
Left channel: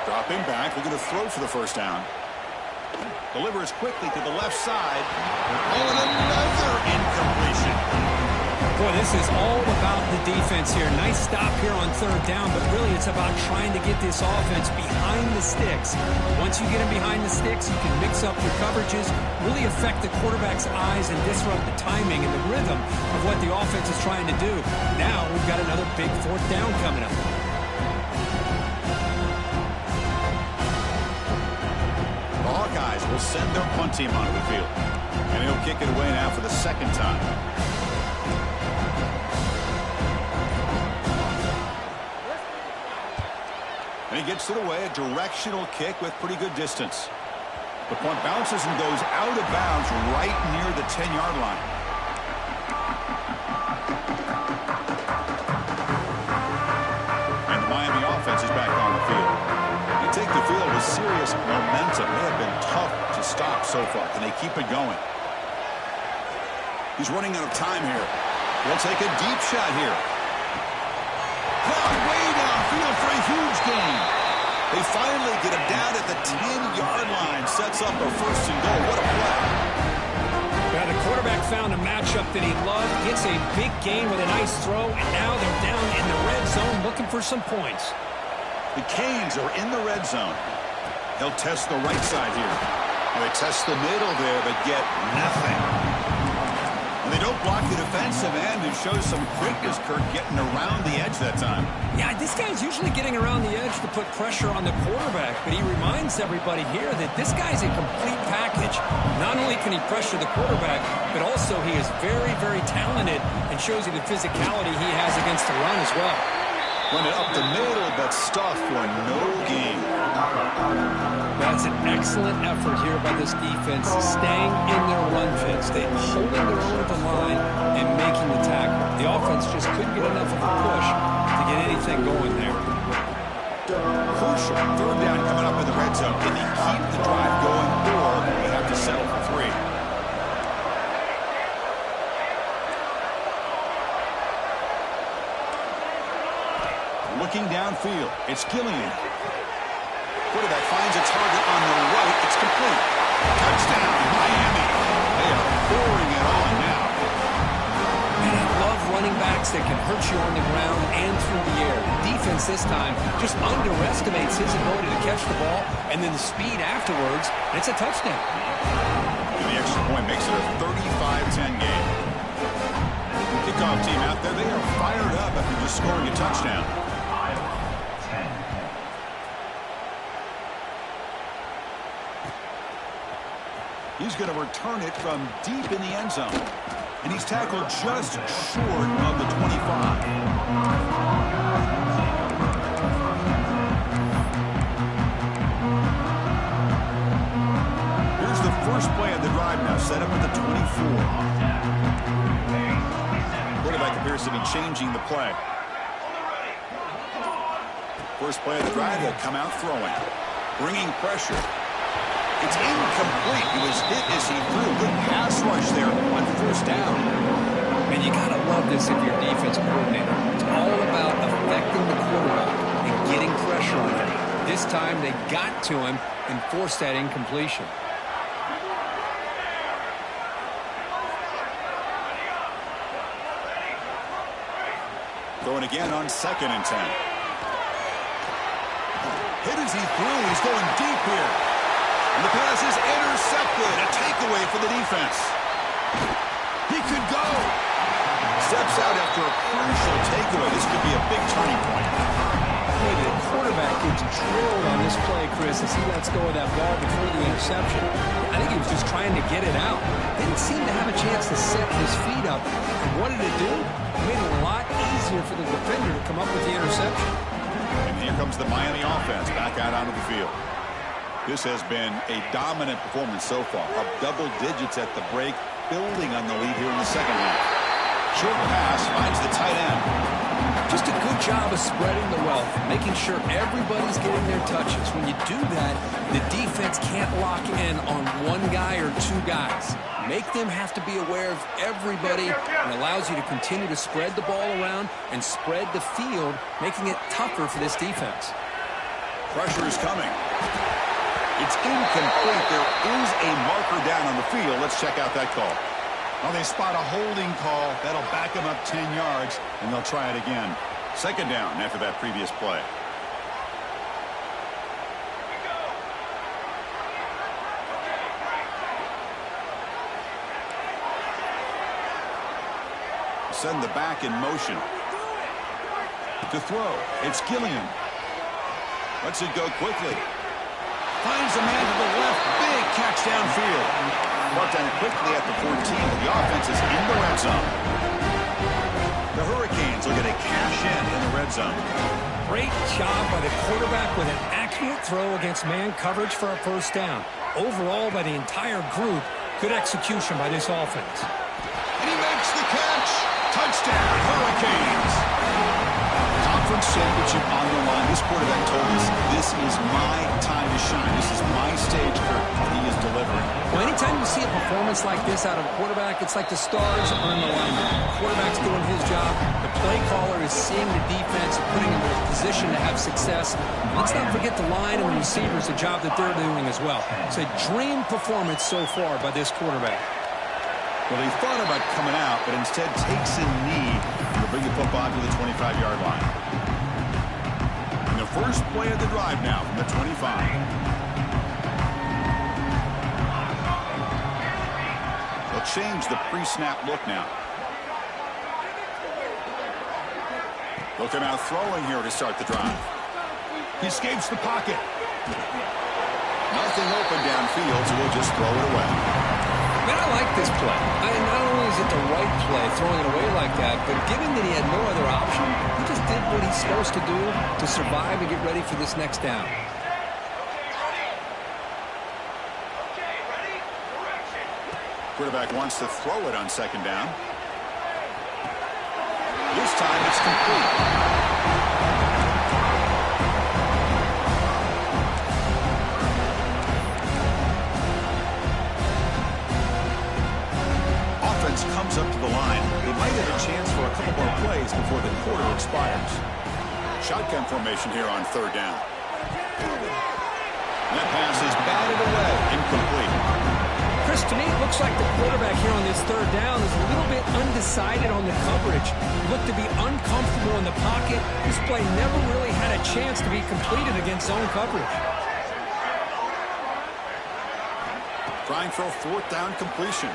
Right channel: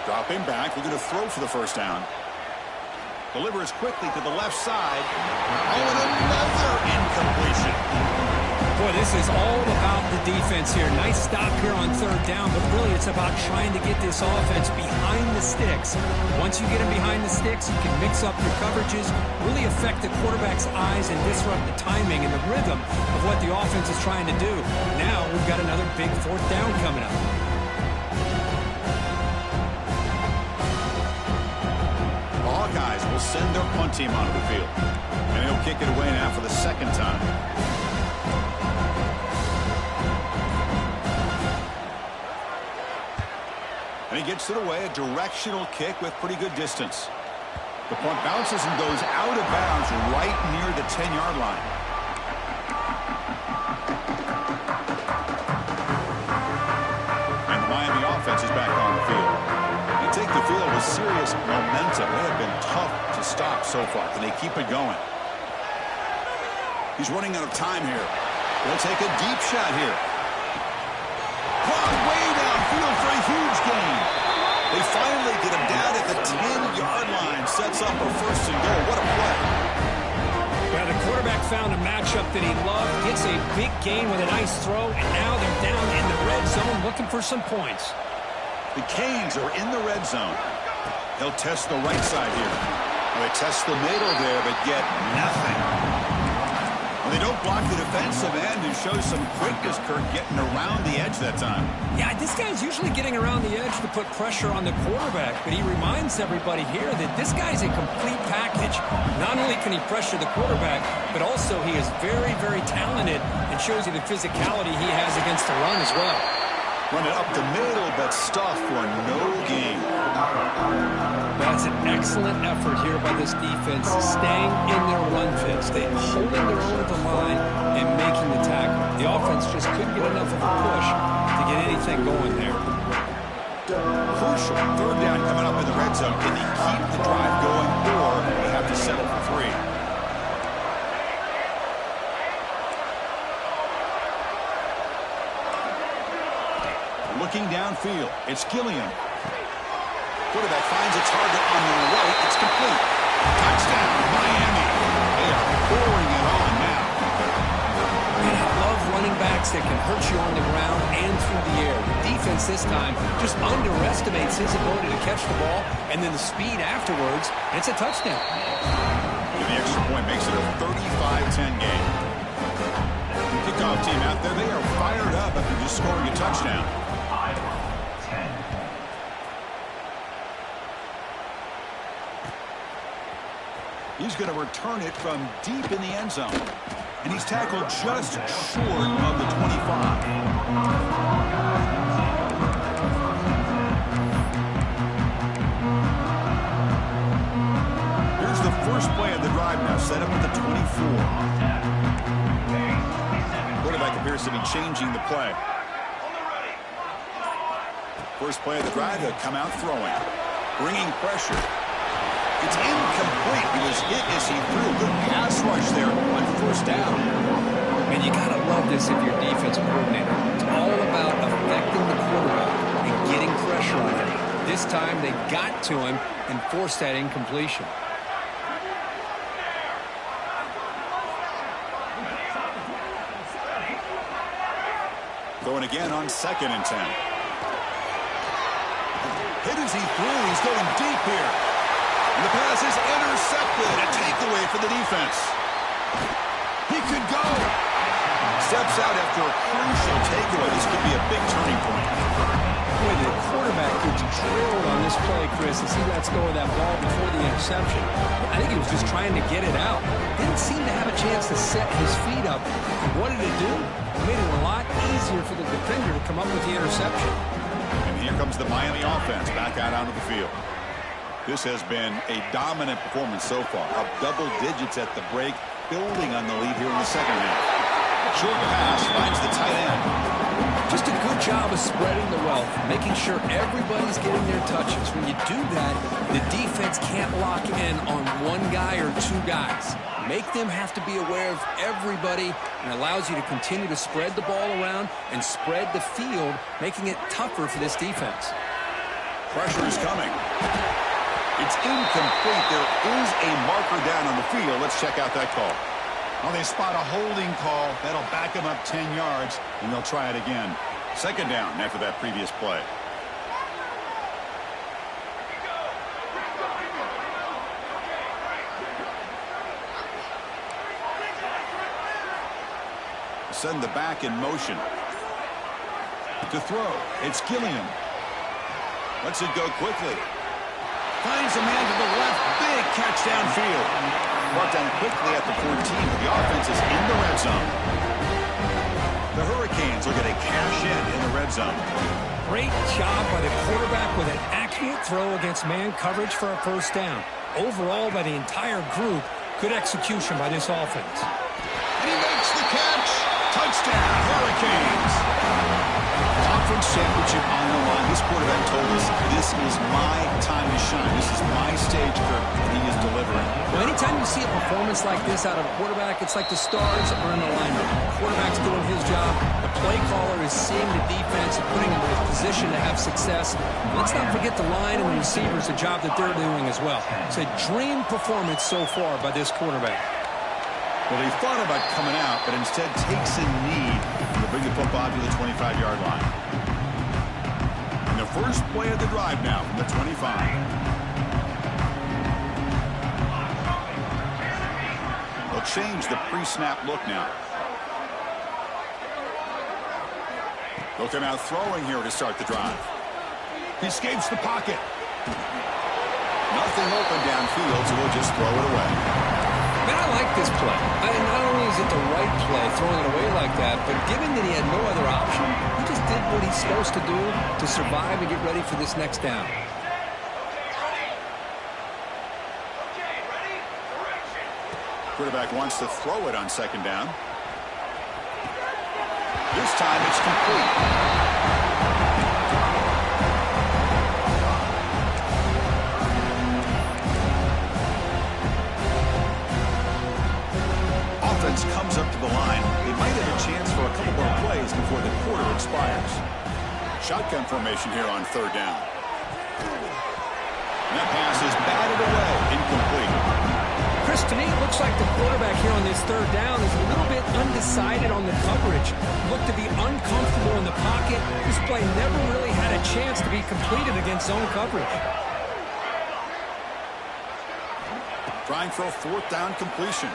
Dropping back, looking to throw for the first down. Delivers quickly to the left side. Oh, and another incompletion. Boy, this is all about the defense here. Nice stop here on third down, but really it's about trying to get this offense behind the sticks. Once you get them behind the sticks, you can mix up your coverages, really affect the quarterback's eyes and disrupt the timing and the rhythm of what the offense is trying to do. Now we've got another big fourth down coming up. The Hawkeyes will send their punt team onto the field. And he'll kick it away now for the second time. And he gets it away, a directional kick with pretty good distance. The punt bounces and goes out of bounds right near the 10-yard line. And the Miami offense is back on the field. They take the field with serious momentum. They have been tough to stop so far. Can they keep it going? He's running out of time here. They'll take a deep shot here. Caught way downfield for a huge gain. They finally get him down at the 10-yard line. Sets up a first and goal. What a play. Well, the quarterback found a matchup that he loved, gets a big gain with a nice throw, and now they're down in the red zone looking for some points. The Canes are in the red zone. They'll test the right side here. Well, they test the middle there, but get nothing. Well, they don't block the defensive end and show some quickness, Kirk, getting around the edge that time. Yeah, this guy's usually getting around the edge to put pressure on the quarterback, but he reminds everybody here that this guy's a complete package. Not only can he pressure the quarterback, but also he is very, very talented and shows you the physicality he has against the run as well. Run it up the middle, but stuff for no gain. That's an excellent effort here by this defense, staying in their run fits. They're holding their own at the line and making the tackle. The offense just couldn't get enough of a push to get anything going there. Crucial third down coming up in the red zone. Can they keep the drive going, or they have to settle for 3? Looking downfield, it's Gillian. Quarterback finds a target on the right. It's complete. Touchdown, Miami. They are pouring it on now. And I love running backs that can hurt you on the ground and through the air. The defense this time just underestimates his ability to catch the ball, and then the speed afterwards, and it's a touchdown. And the extra point makes it a 35-10 game. Kickoff team out there, they are fired up after just scoring a touchdown. He's going to return it from deep in the end zone. And he's tackled just short of the 25. Here's the first play of the drive now, set up at the 24. Quarterback appears to be changing the play. First play of the drive, they'll come out throwing. Bringing pressure. It's incomplete. He was hit as he threw. Good pass rush there on first down. And you got to love this if you're a defensive coordinator. It's all about affecting the quarterback and getting pressure on him. This time they got to him and forced that incompletion. Throwing again on 2nd and 10. Hit as he threw. He's going deep here. And the pass is intercepted. A takeaway for the defense. He could go. Steps out after a crucial takeaway. This could be a big turning point. Boy, the quarterback gets drilled on this play, Chris, as he lets go of that ball before the interception. I think he was just trying to get it out. Didn't seem to have a chance to set his feet up. And what did it do? It made it a lot easier for the defender to come up with the interception. And here comes the Miami offense back out onto the field. This has been a dominant performance so far. Up double digits at the break, building on the lead here in the second half. Short pass finds the tight end. Just a good job of spreading the wealth, making sure everybody's getting their touches. When you do that, the defense can't lock in on one guy or two guys. Make them have to be aware of everybody, and allows you to continue to spread the ball around and spread the field, making it tougher for this defense. Pressure is coming. It's incomplete. There is a marker down on the field. Let's check out that call. Well, they spot a holding call. That'll back them up 10 yards, and they'll try it again. Second down after that previous play. Send the back in motion. To throw, it's Gilliam. Lets it go quickly. Finds a man to the left. Big catch downfield. Brought down quickly at the 14, but the offense is in the red zone. The Hurricanes look at a cash in the red zone. Great job by the quarterback with an accurate throw against man coverage for a first down. Overall, by the entire group, good execution by this offense. And he makes the catch. Touchdown, Hurricanes. Conference championship on the line. This quarterback told us, this is my time to shine. This is my stage, Kirk, and he is delivering. Well, anytime you see a performance like this out of a quarterback, it's like the stars are in alignment. The quarterback's doing his job. The play caller is seeing the defense and putting him in a position to have success. Let's not forget the line and the receivers, the job that they're doing as well. It's a dream performance so far by this quarterback. Well, he thought about coming out, but instead takes a knee to bring the football to the 25-yard line. And the first play of the drive now from the 25. They'll change the pre-snap look now. They'll come out throwing here to start the drive. He escapes the pocket. Nothing open downfield, so we'll just throw it away. Man, I like this play. Not only is it the right play, throwing it away like that, but given that he had no other option, he just did what he's supposed to do to survive and get ready for this next down. Quarterback wants to throw it on second down. This time it's complete. Comes up to the line. They might have a chance for a couple more plays before the quarter expires. Shotgun formation here on third down. And that pass is batted away, incomplete. Chris, to me, it looks like the quarterback here on this third down is a little bit undecided on the coverage. Looked to be uncomfortable in the pocket. This play never really had a chance to be completed against zone coverage. Trying for a fourth down completion.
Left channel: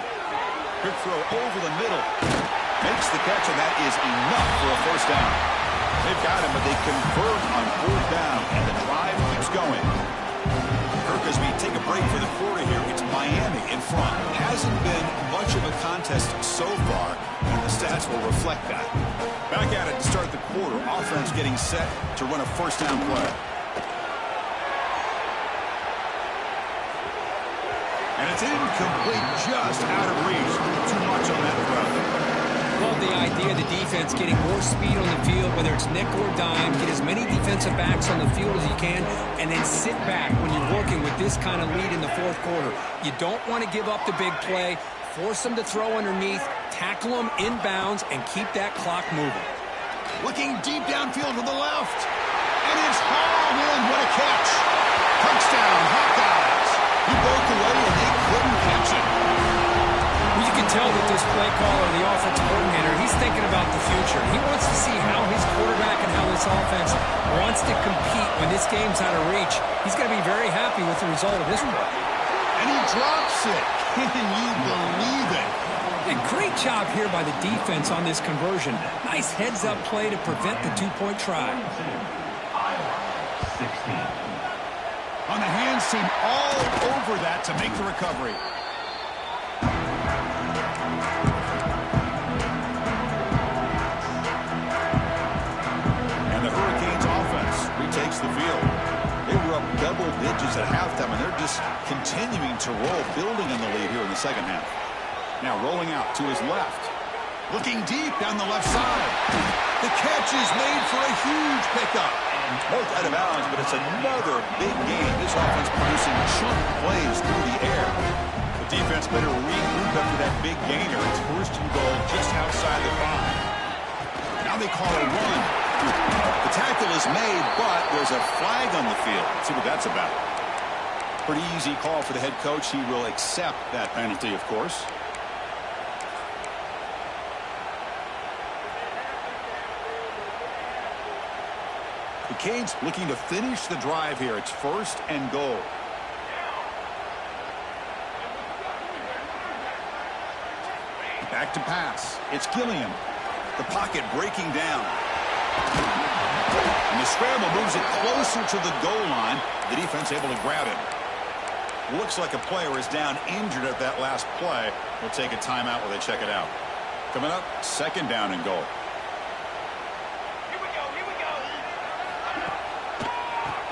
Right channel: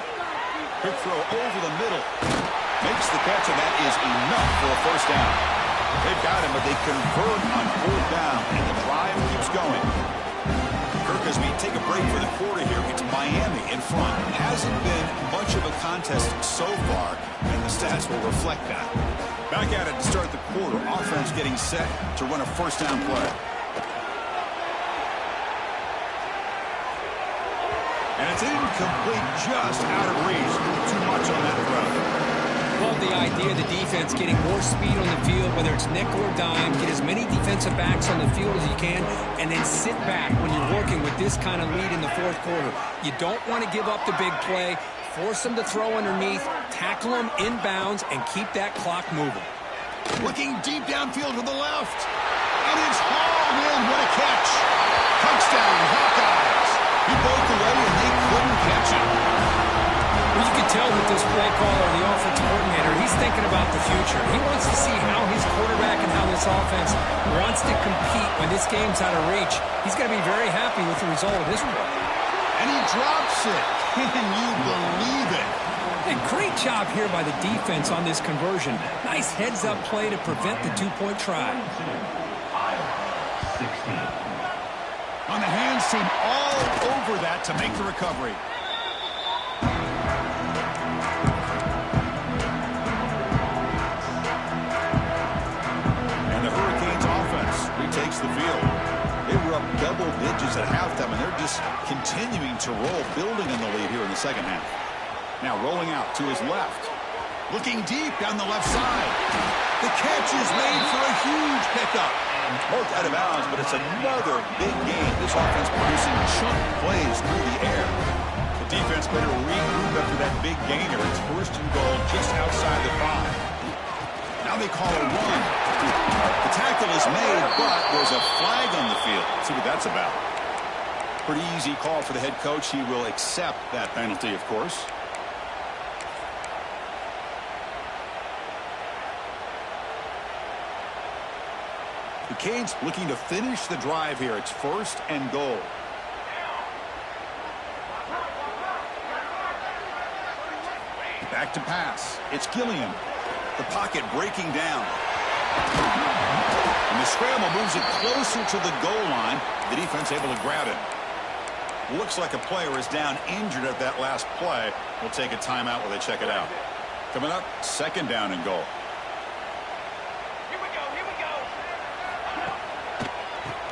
Quick throw over the middle. Makes the catch, and that is enough for a first down. They've got him, but they convert on fourth down, and the drive keeps going. Kirk, as we take a break for the quarter here, it's Miami in front. Hasn't been much of a contest so far, and the stats will reflect that. Back at it to start the quarter. Offense getting set to run a first down play. And it's incomplete, just out of reach. Too much on that throw. Love the idea of the defense getting more speed on the field, whether it's nickel or dime, get as many defensive backs on the field as you can, and then sit back when you're working with this kind of lead in the fourth quarter. You don't want to give up the big play, force them to throw underneath, tackle them inbounds, and keep that clock moving. Looking deep downfield to the left. And it's hauled in. What a catch. Touchdown, Hawkeyes. He broke away, and they couldn't catch him. Well, you can tell that this play caller, the offensive coordinator, he's thinking about the future. He wants to see how his quarterback and how this offense wants to compete when this game's out of reach. He's going to be very happy with the result of this play. And he drops it. Can you believe it? Hey, great job here by the defense on this conversion. Nice heads-up play to prevent the two-point try. Iowa 16. On the hands team all over that to make the recovery. And the Hurricanes offense retakes the field. They were up double digits at halftime, and they're just continuing to roll, building on the lead here in the second half. Now rolling out to his left. Looking deep down the left side. The catch is made for a huge pickup. Marked out of bounds, but it's another big game. This offense producing chunk plays through the air. The defense better regroup after that big gainer. It's first and goal just outside the 5. Now they call a run. The tackle is made, but there's a flag on the field. Let's see what that's about. Pretty easy call for the head coach. He will accept that penalty, of course. The Canes looking to finish the drive here. It's first and goal. Back to pass. It's Gilliam. The pocket breaking down. And the scramble moves it closer to the goal line. The defense able to grab him. Looks like a player is down injured at that last play. We'll take a timeout while they check it out. Coming up, second down and goal.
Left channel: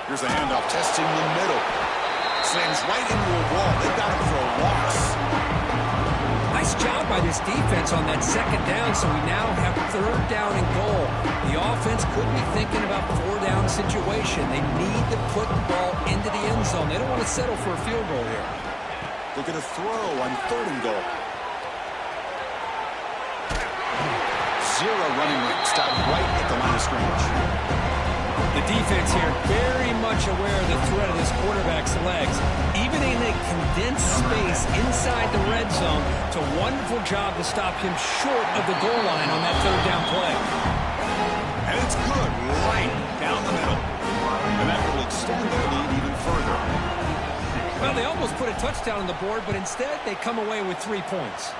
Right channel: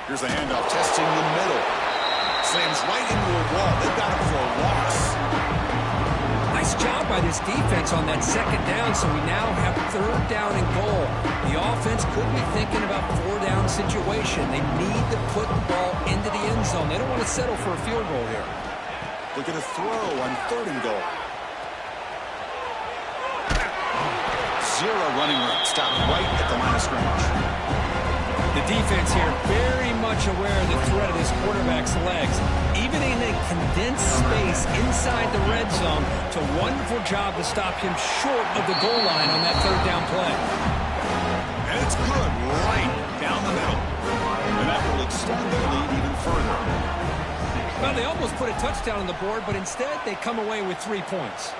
Here's the handoff, testing the middle. Slams right into a wall. They've got him for a loss. Nice job by this defense on that second down, so we now have third down and goal. The offense could be thinking about four-down situation. They need to put the ball into the end zone. They don't want to settle for a field goal here. Look at a throw on third and goal. Zero running room. Stop right at the line of scrimmage. The defense here very much aware of the threat of this quarterback's legs. Even in a condensed space inside the red zone, it's a wonderful job to stop him short of the goal line on that third down play. And it's good right down the middle. And that will extend their lead even further. Well, they almost put a touchdown on the board, but instead they come away with 3 points.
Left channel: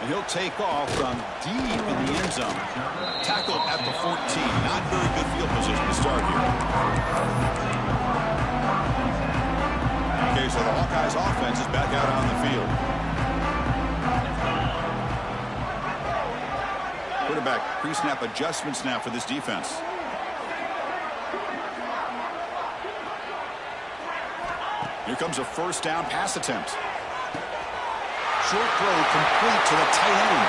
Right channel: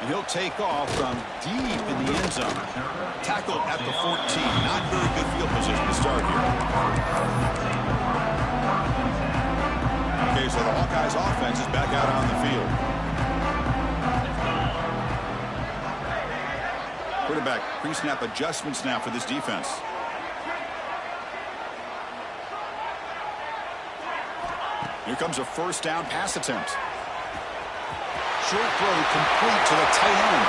And he'll take off from deep in the end zone. Tackled at the 14. Not very good field position to start here. Okay, so the Hawkeyes offense is back out on the field. Quarterback pre-snap adjustments now for this defense. Here comes a first down pass attempt. Short throw complete to the tight end.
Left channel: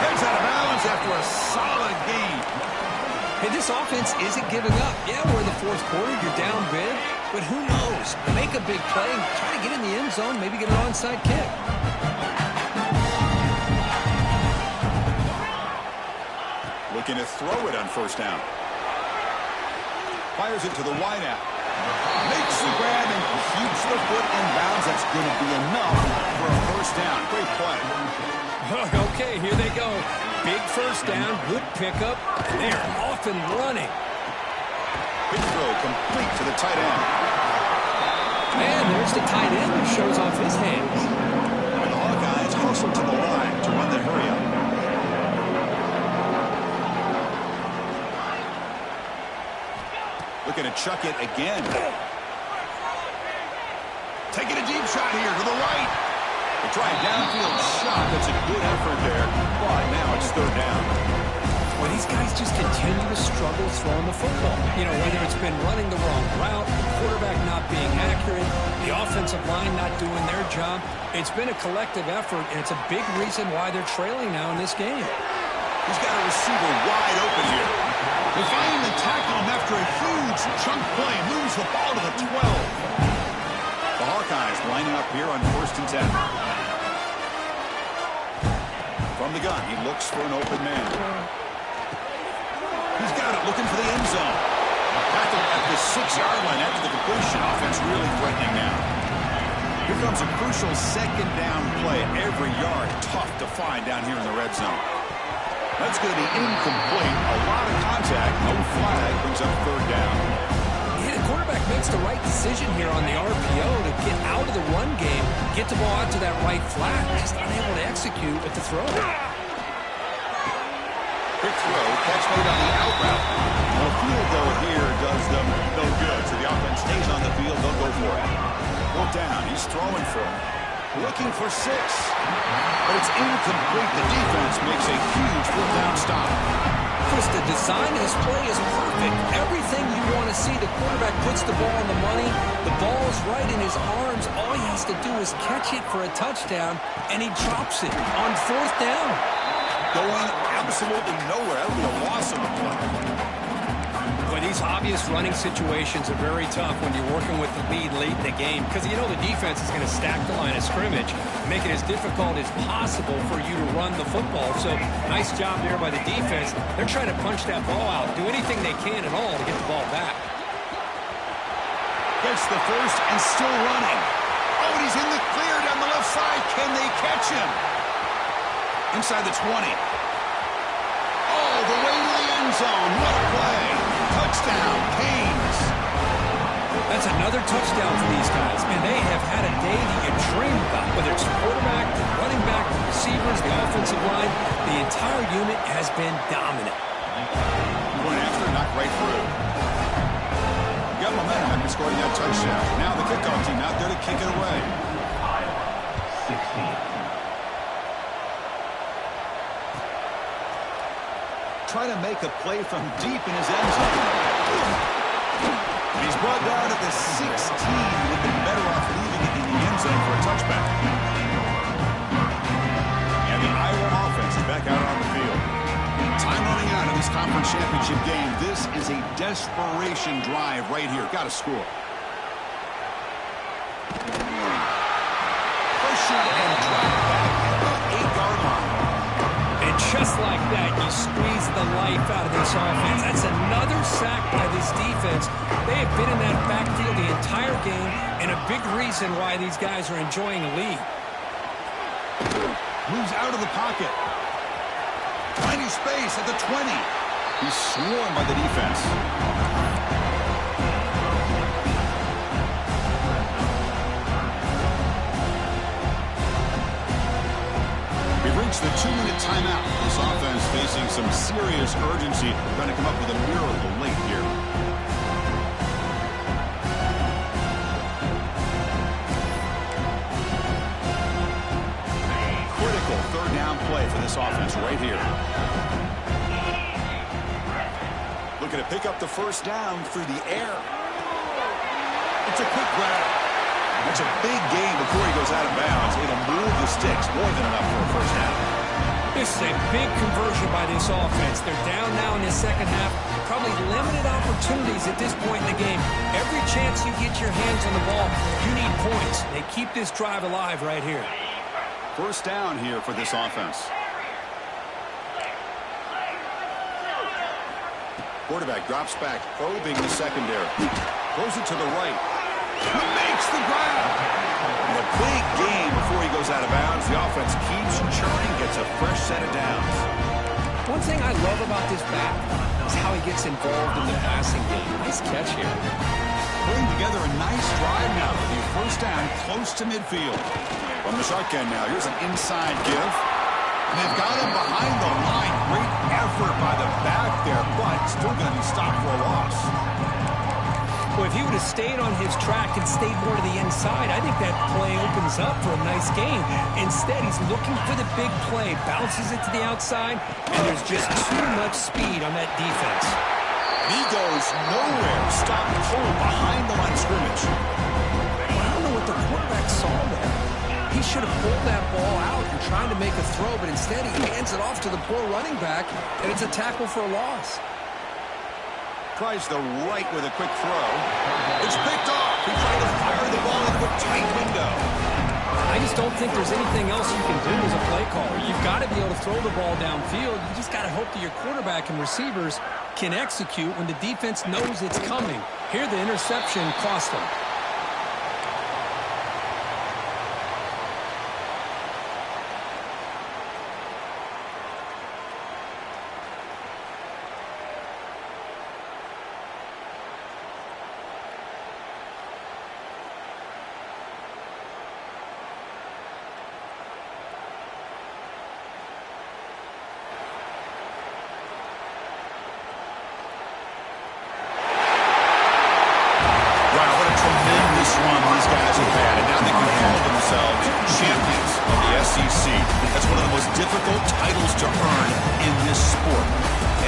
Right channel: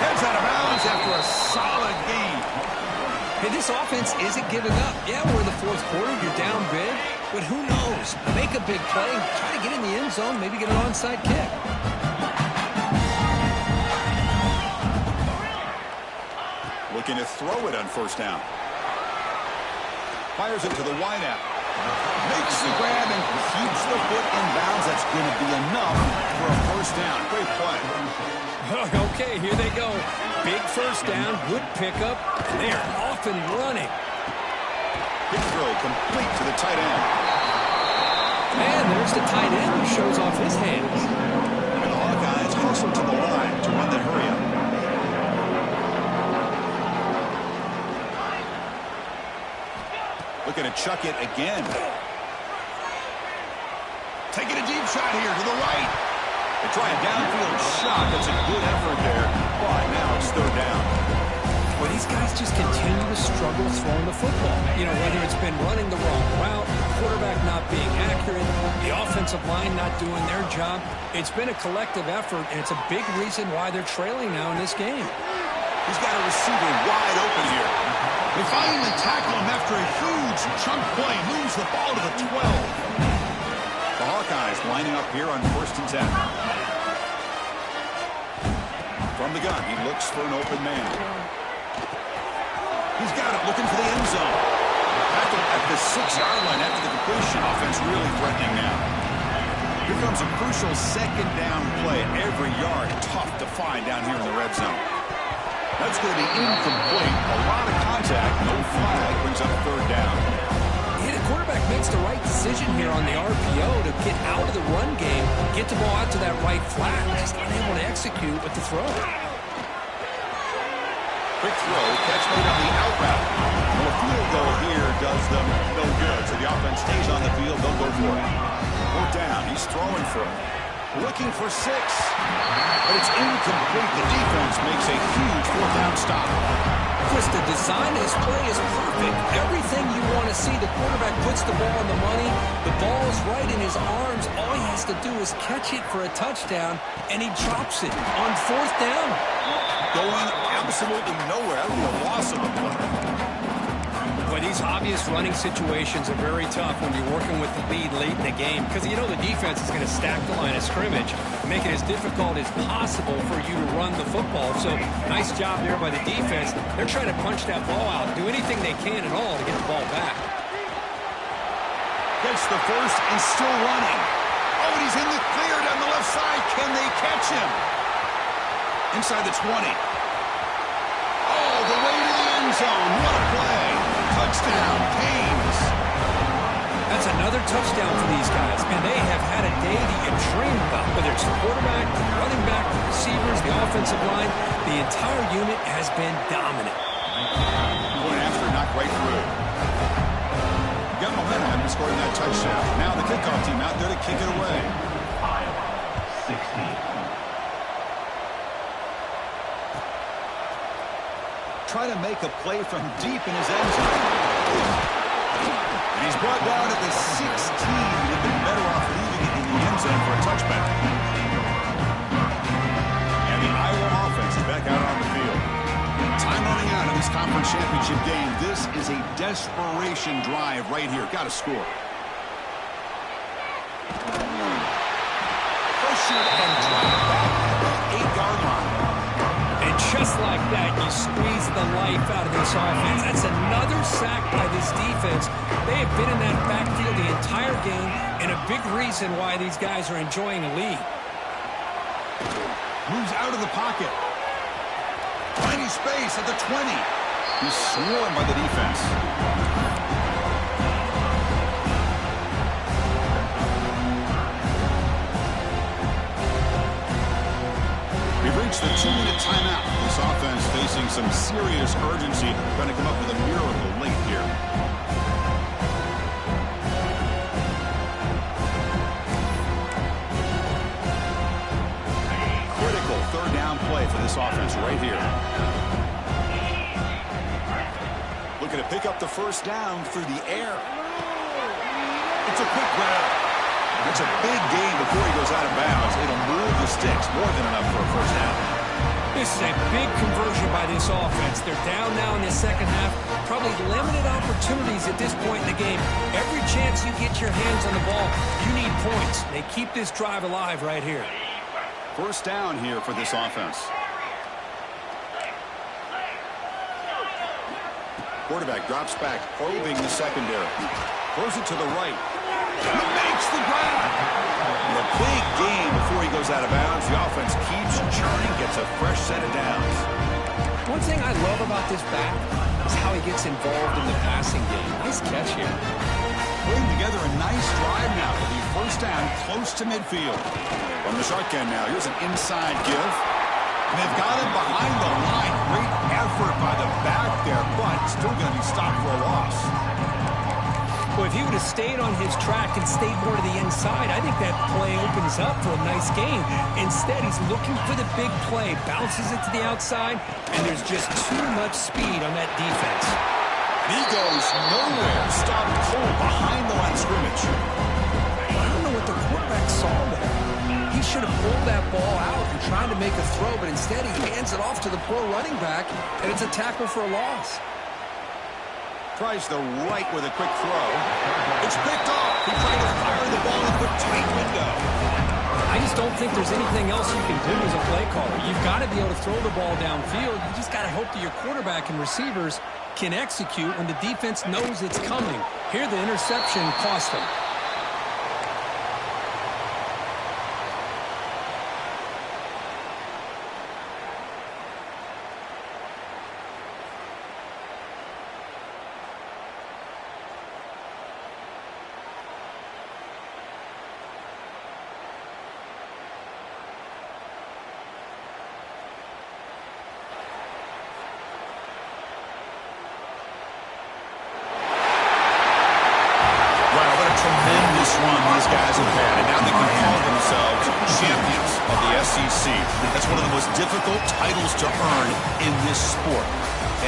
Heads out of bounds after a solid gain. Hey, this offense isn't giving up. Yeah, we're in the fourth quarter. You're down big. But who knows? Make a big play. Try to get in the end zone. Maybe get an onside kick. Looking to throw it on first down. Fires it to the wideout. Makes the grab and keeps the foot in bounds. That's going to be enough for a first down. Great play. Okay, here they go. Big first down, good pickup. They're off and running. Big throw complete to the tight end. And there's the tight end who shows off his hands. And the Hawkeyes hustle to the line to run the hurry up. Looking to chuck it again. Taking a deep shot here to the right. They try a downfield shot. That's a good effort there. But now it's third down. Well, these guys just continue to struggle throwing the football. You know, whether it's been running the wrong route, the quarterback not being accurate, the offensive line not doing their job. It's been a collective effort, and it's a big reason why they're trailing now in this game. He's got a receiver wide open here. They finally tackle him after a huge chunk play. Moves the ball to the 12. The Hawkeyes lining up here on 1st and 10. From the gun, he looks for an open man. He's got it, looking for the end zone. Tackled at the 6-yard line after the completion. Offense really threatening now. Here comes a crucial second down play. Every yard tough to find down here in the red zone. That's going to be incomplete. A lot of contact, no flag, brings up third down. Yeah, the quarterback makes the right decision here on the RPO to get out of the run game, get the ball out to that right flat, just unable to execute with the throw. Quick throw, catch made on the out route. Well, a field goal here does them no good, so the offense stays on the field, they'll go for it. Fourth down, he's throwing for it. Looking for 6, but it's incomplete. The defense makes a huge fourth down stop. Chris, the design of this play is perfect. Everything you want to see. The quarterback puts the ball on the money. The ball's right in his arms. All he has to do is catch it for a touchdown, and he drops it on fourth down. Going absolutely nowhere. That would be a loss of the play. Boy, these obvious running situations are very tough when you're working with the lead late in the game because you know the defense is going to stack the line of scrimmage, make it as difficult as possible for you to run the football. So nice job there by the defense. They're trying to punch that ball out, do anything they can at all to get the ball back. Gets the first and still running. Oh, and he's in the clear down the left side. Can they catch him? Inside the 20. Oh, the way to the end zone. What a play. Touchdown, Canes. That's another touchdown for these guys. Man, they have had a day that you dream about. Whether it's the quarterback, the running back, the receivers, the offensive line, the entire unit has been dominant. Going after, knocked right through. Got momentum after scoring that touchdown. Now the kickoff team out there to kick it away. Iowa 16. Try to make a play from deep in his end zone. And he's brought down at the 16. They've been better off leaving it in the end zone for a touchback. And the Iowa offense is back out on the field. Time running out of this conference championship game. This is a desperation drive right here. Got to score. Pressured and dropped back at the 8-yard line. And just like that, you squeeze the life out of this offense. That's another sack by this defense. They have been in that backfield the entire game, and a big reason why these guys are enjoying a lead. Moves out of the pocket. Finding space at the 20. He's swarmed by the defense. We've reached the 2-minute timeout. This offense facing some serious urgency, trying to come up with a miracle late here. Critical third down play for this offense right here. Looking to pick up the first down through the air. It's a quick grab. That's a big gain before he goes out of bounds. It'll move the sticks more than enough for a first down. This is a big conversion by this offense. They're down now in the second half. Probably limited opportunities at this point in the game. Every chance you get your hands on the ball, you need points. They keep this drive alive right here. First down here for this offense. Quarterback drops back, probing the secondary. Throws it to the right. He makes the grab. And a big gain before he goes out of bounds. The offense keeps churning, gets a fresh set of downs. One thing I love about this back is how he gets involved in the passing game. Nice catch here. Putting together a nice drive now with the first down close to midfield. From the shotgun now, here's an inside give. And they've got him behind the line. Great effort by the back there, but still going to be stopped for a loss. Well, if he would have stayed on his track and stayed more to the inside, I think that play opens up for a nice gain. Instead, he's looking for the big play, bounces it to the outside, and there's just too much speed on that defense. And he goes nowhere, stopped cold behind the line of scrimmage. Well, I don't know what the quarterback saw there. He should have pulled that ball out and tried to make a throw, but instead he hands it off to the poor running back, and it's a tackle for a loss. Tries the right with a quick throw. It's picked off. He tried to fire the ball into a tight window. I just don't think there's anything else you can do as a play caller. You've got to be able to throw the ball downfield. You just got to hope that your quarterback and receivers can execute when the defense knows it's coming. Here, the interception cost them. tremendous run these guys have had, and now they can call themselves champions of the SEC. That's one of the most difficult titles to earn in this sport.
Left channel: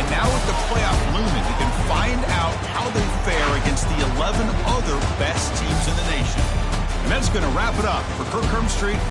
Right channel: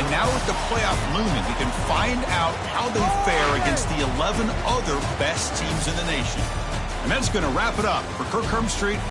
And now with the playoff looming, we can find out how they fare against the 11 other best teams in the nation. And that's going to wrap it up for Kirk Herbstreit.